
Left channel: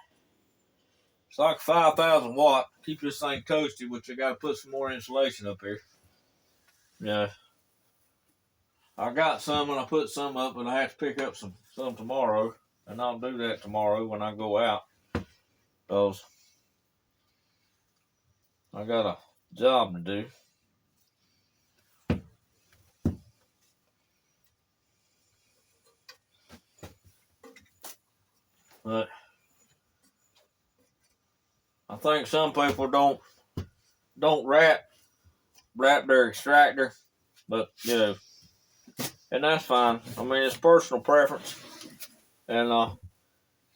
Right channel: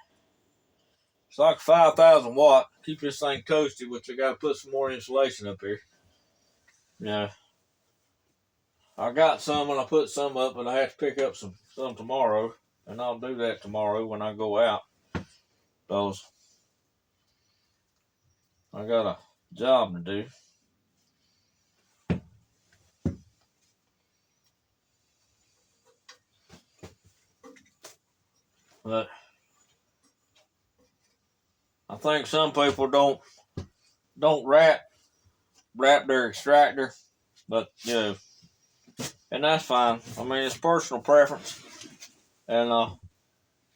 It's like 5,000 watt. Keep this thing toasty, which I got to put some more insulation up here. Yeah. I got some and I put some up, but I have to pick up some tomorrow. And I'll do that tomorrow when I go out. Because I got a job to do. But I think some people don't wrap their extractor, but and that's fine. I mean, it's personal preference, and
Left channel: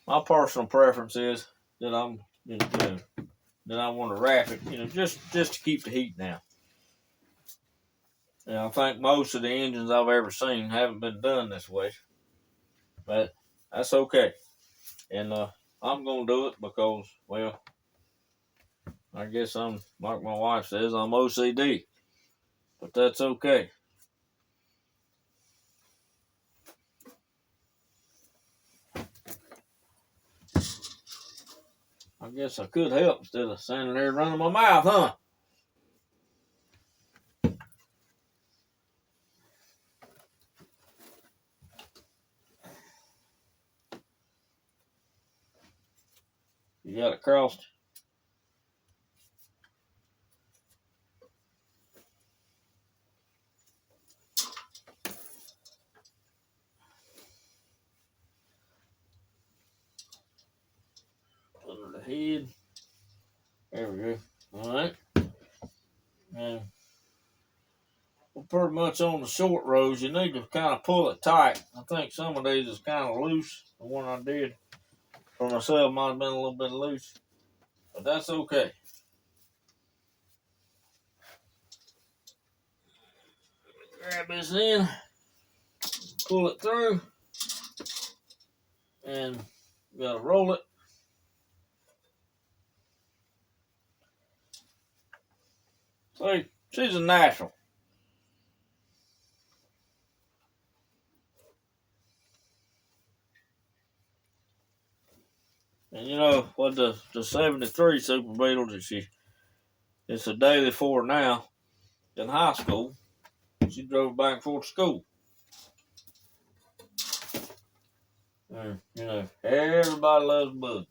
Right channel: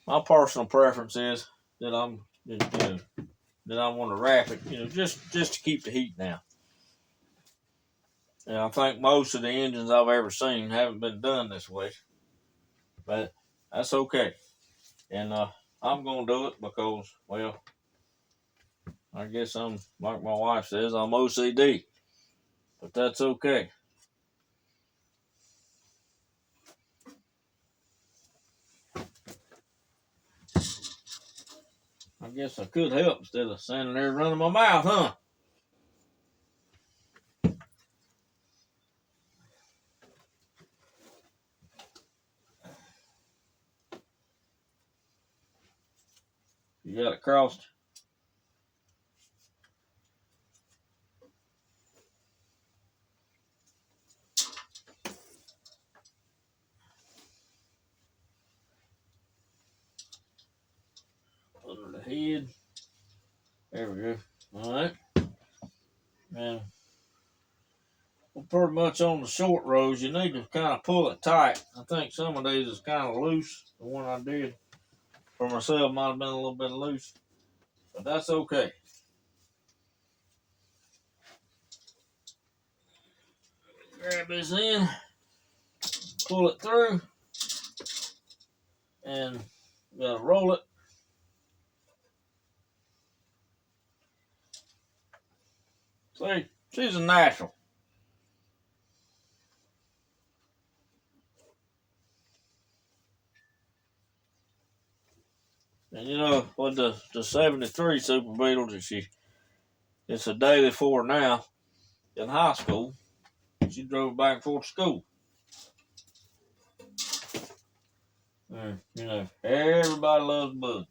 my personal preference is that that I want to wrap it, just to keep the heat down. And I think most of the engines I've ever seen haven't been done this way, but that's okay. And I'm gonna do it because, well, I guess I'm like my wife says, I'm OCD, but that's okay. I guess I could help instead of standing there running my mouth, huh? You got it crossed? Under the head. There we go. All right. And well, pretty much on the short rows, you need to kind of pull it tight. I think some of these is kind of loose. The one I did for myself might have been a little bit loose, but that's okay. Grab this in, pull it through, and you gotta roll it. See, she's a natural. And you know what the 73 Super Beetle that it's a daily for now in high school. She drove back and forth to school. And, everybody loves Bud.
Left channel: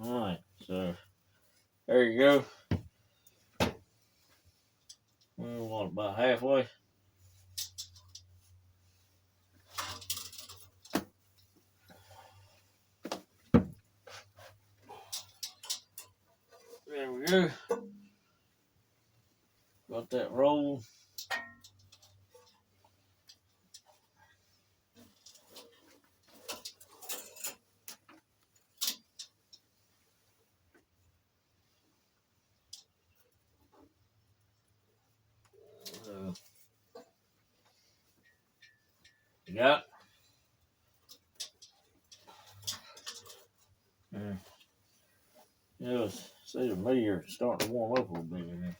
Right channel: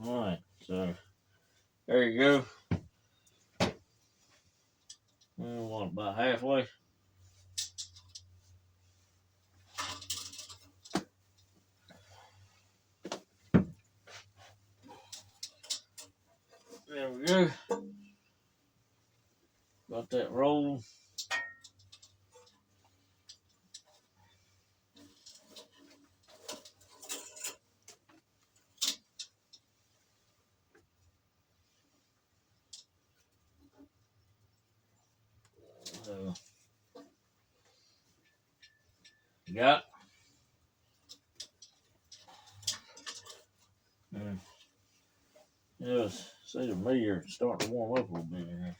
All right, so there you go. We want about halfway. There we go. Got that roll. So, you got it? See the meter starting to warm up a little bit here.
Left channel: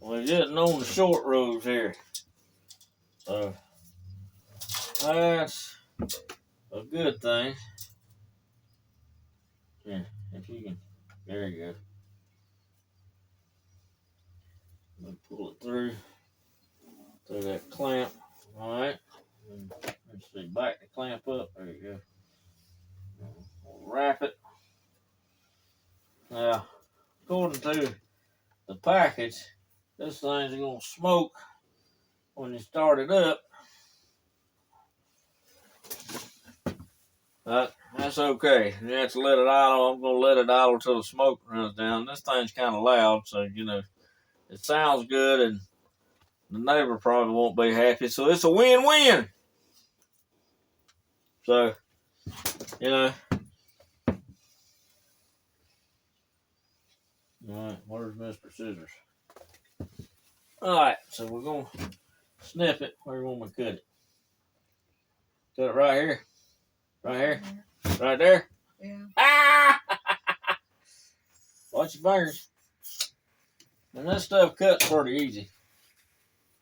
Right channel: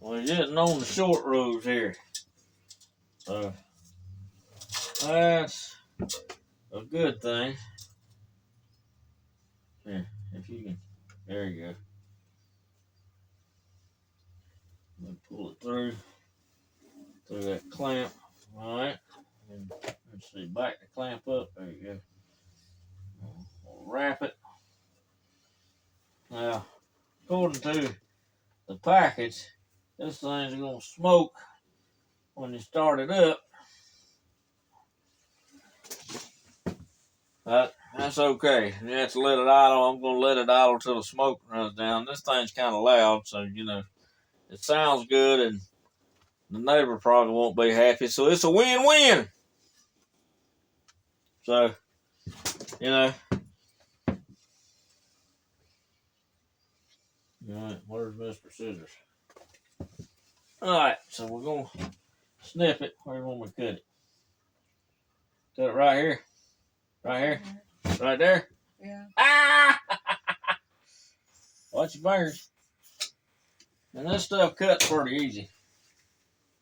Well, you're getting on the short roads here. So, that's a good thing. Yeah, if you can, there you go. Let me pull it through. through that clamp. All right. And let's see, back the clamp up. There you go. We'll wrap it. Now, according to the package, this thing's gonna smoke when you start it up. That's okay. You have to let it idle. I'm gonna let it idle till the smoke runs down. This thing's kind of loud, so you know it sounds good, and the neighbor probably won't be happy. So it's a win-win. So, you know. All right, where's Mr. Scissors? All right, so we're gonna snip it. Where you want me to cut it? Cut it right here. Right here. Right there. Yeah. Ah! Watch your fingers. And this stuff cuts pretty easy.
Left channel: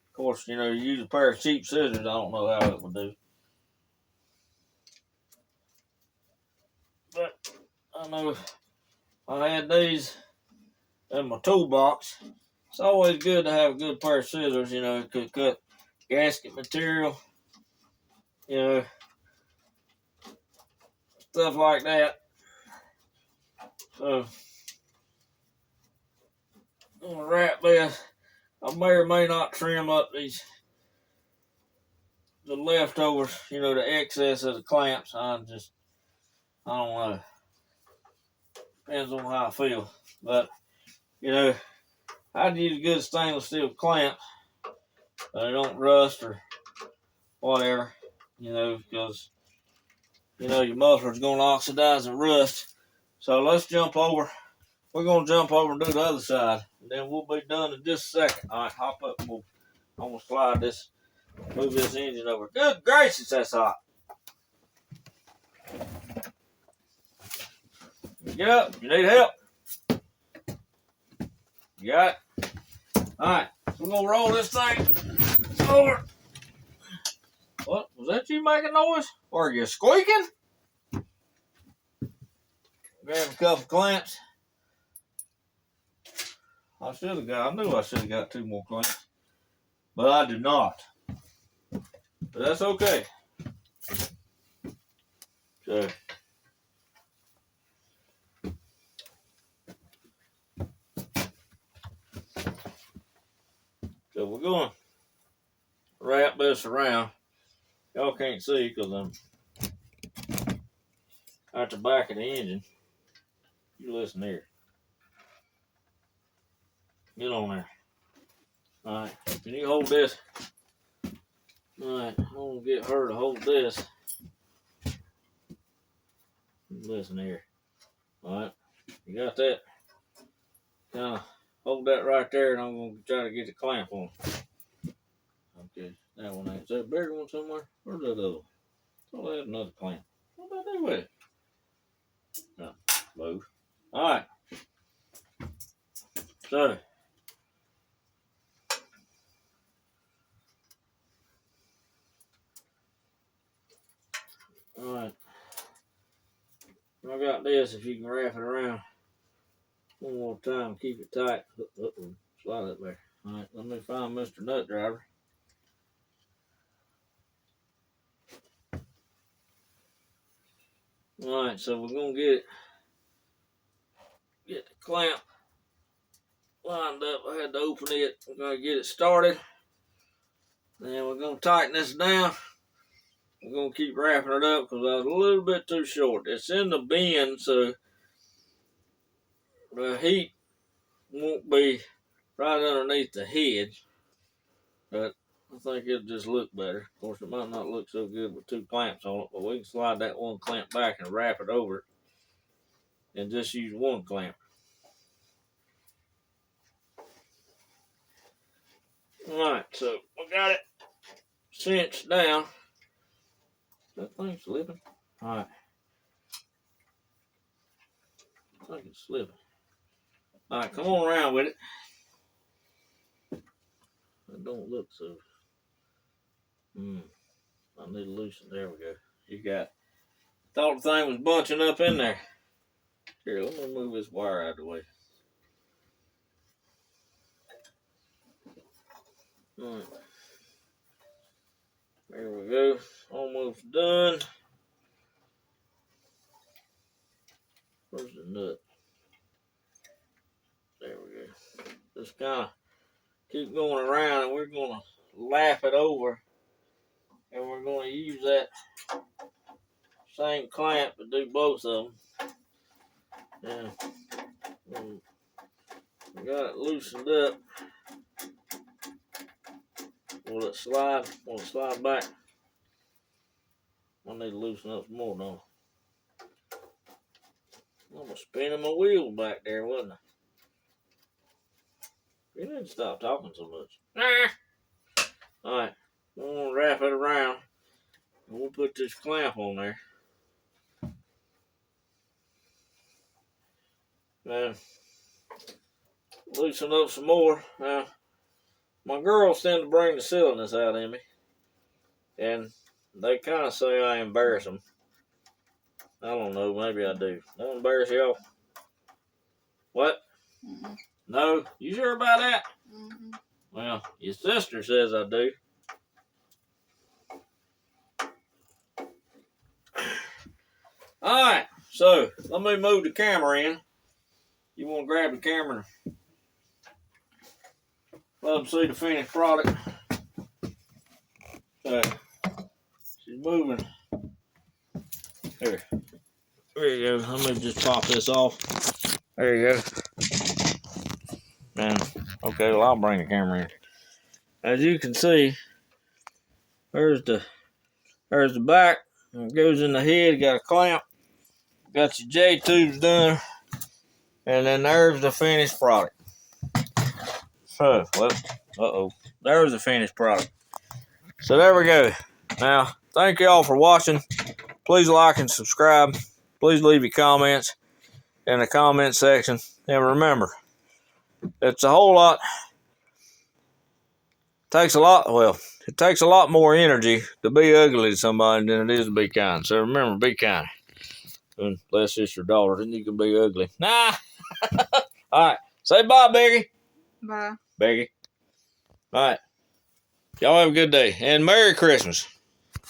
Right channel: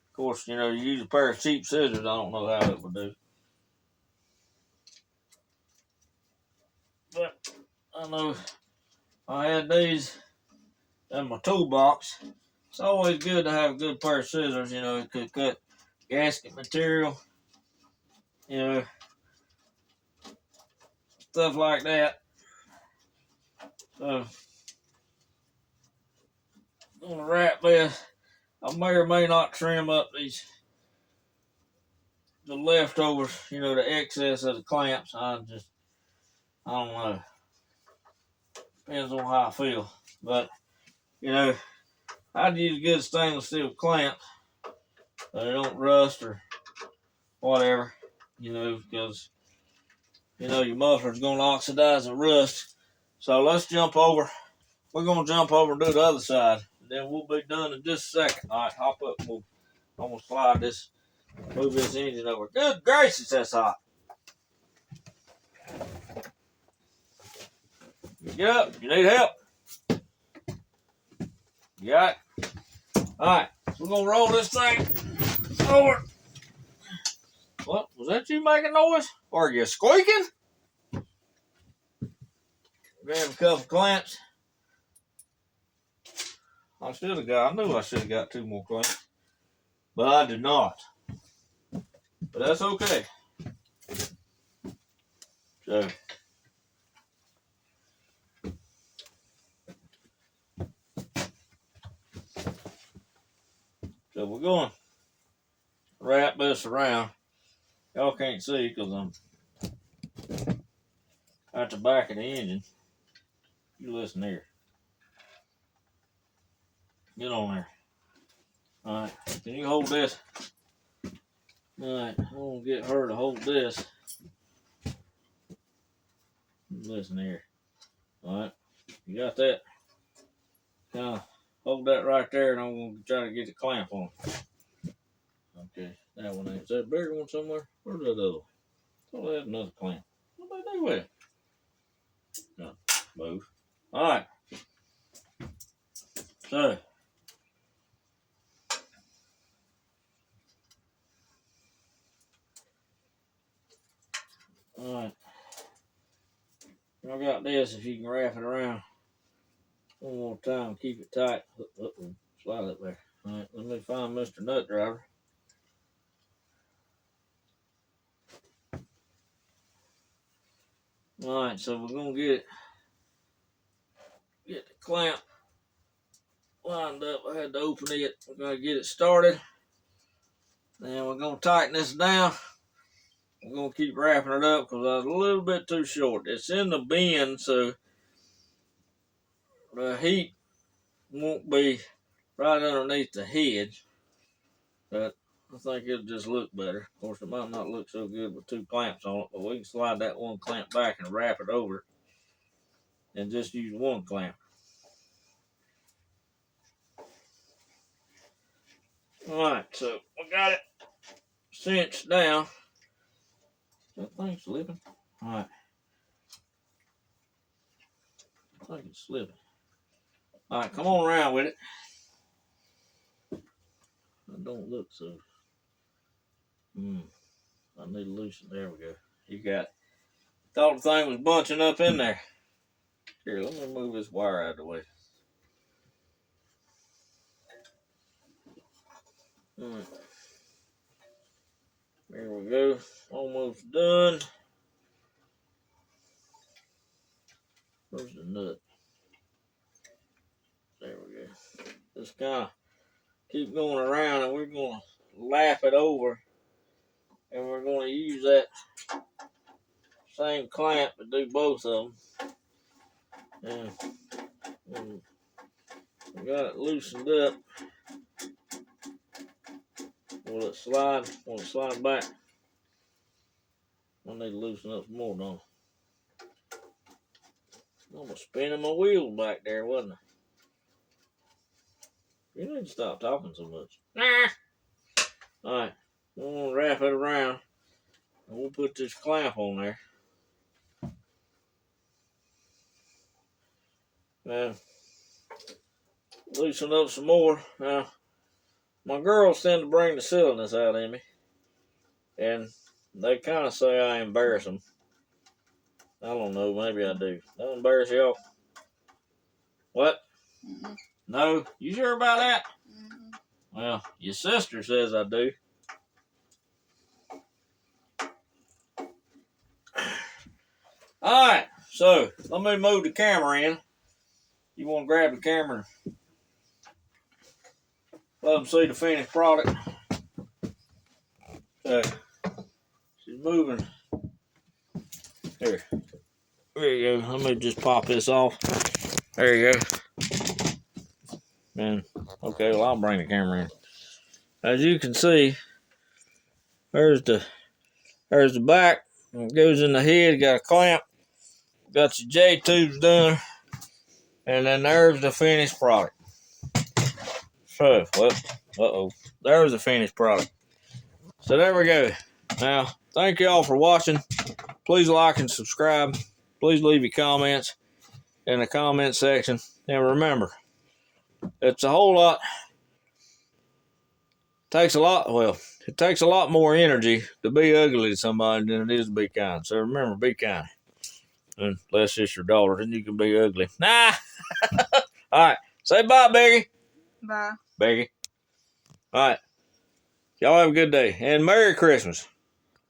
Of course, you know, you use a pair of cheap scissors, I don't know how it would do. But I know I had these in my toolbox. It's always good to have a good pair of scissors, you know, it could cut gasket material, you know, stuff like that. So I'm gonna wrap this. I may or may not trim up the leftovers, you know, the excess of the clamps. I don't know. Depends on how I feel. But, you know, I'd use good stainless steel clamps so they don't rust or whatever, you know, because, you know, your muffler's going to oxidize and rust. So let's jump over. We're going to jump over and do the other side. And then we'll be done in just a second. All right, hop up. I'm going to slide this, move this engine over. Good gracious, that's hot. You get up. You need help. You got it? All right, so we're going to roll this thing over. What? Was that you making noise? Or are you squeaking? Grab a couple clamps. I knew I should have got 2 more clamps. But I did not. But that's okay. So we're going to wrap this around. Y'all can't see because I'm at the back of the engine. You listen here. Get on there. All right. Can you hold this? All right. I'm going to get her to hold this. Listen here. All right. You got that? Kind of hold that right there, and I'm going to try to get the clamp on. Okay. That one ain't. Is there a bigger one somewhere? Where's that other one? I thought I had another clamp. What did I do with it? No. Move. All right. So. All right. I got this. If you can wrap it around one more time, keep it tight. Slide it there. All right. Let me find Mr. Nut Driver. All right. So we're gonna get the clamp lined up. I had to open it. We're gonna get it started. Then we're gonna tighten this down. We're gonna keep wrapping it up because I was a little bit too short. It's in the bin, so the heat won't be right underneath the head. But I think it'll just look better. Of course, it might not look so good with 2 clamps on it, but we can slide that 1 clamp back and wrap it over and just use 1 clamp. All right, so we got it cinched down. That thing's slipping. All right. I think it's slipping. All right, come on around with it. It don't look so. I need to loosen. There we go. You got it. Thought the thing was bunching up in there. Here, let me move this wire out of the way. All right. There we go. Almost done. Where's the nut? There we go. Just kind of keep going around, and we're going to lap it over, and we're going to use that same clamp to do both of them. And we got it loosened up. Will it slide? Will it slide back? I need to loosen up some more, don't I? I'm spinning my wheels back there, wasn't I? You need to stop talking so much. Alright, we're going to wrap it around, and we'll put this clamp on there. And loosen up some more. Now, my girls tend to bring the silliness out in me, and they kind of say I embarrass them. I don't know, maybe I do. I don't embarrass y'all. What? Mm-mm. No? You sure about that? Mm-hmm. Well, your sister says I do. Alright, so let me move the camera in. You want to grab the camera and let them see the finished product. So, she's moving. Here. There you go. Let me just pop this off. There you go. And, okay, well, I'll bring the camera in. As you can see, there's the back. It goes in the head. Got a clamp. Got your J tubes done. And then there's the finished product. So, well, there's the finished product. So there we go. Now, thank you all for watching. Please like and subscribe. Please leave your comments in the comment section. And remember, it's a whole lot. It takes a lot more energy to be ugly to somebody than it is to be kind. So remember, be kind. Unless it's your daughter, then you can be ugly. Nah. All right. Say bye, Becky. Bye. Becky. All right. Y'all have a good day. And Merry Christmas.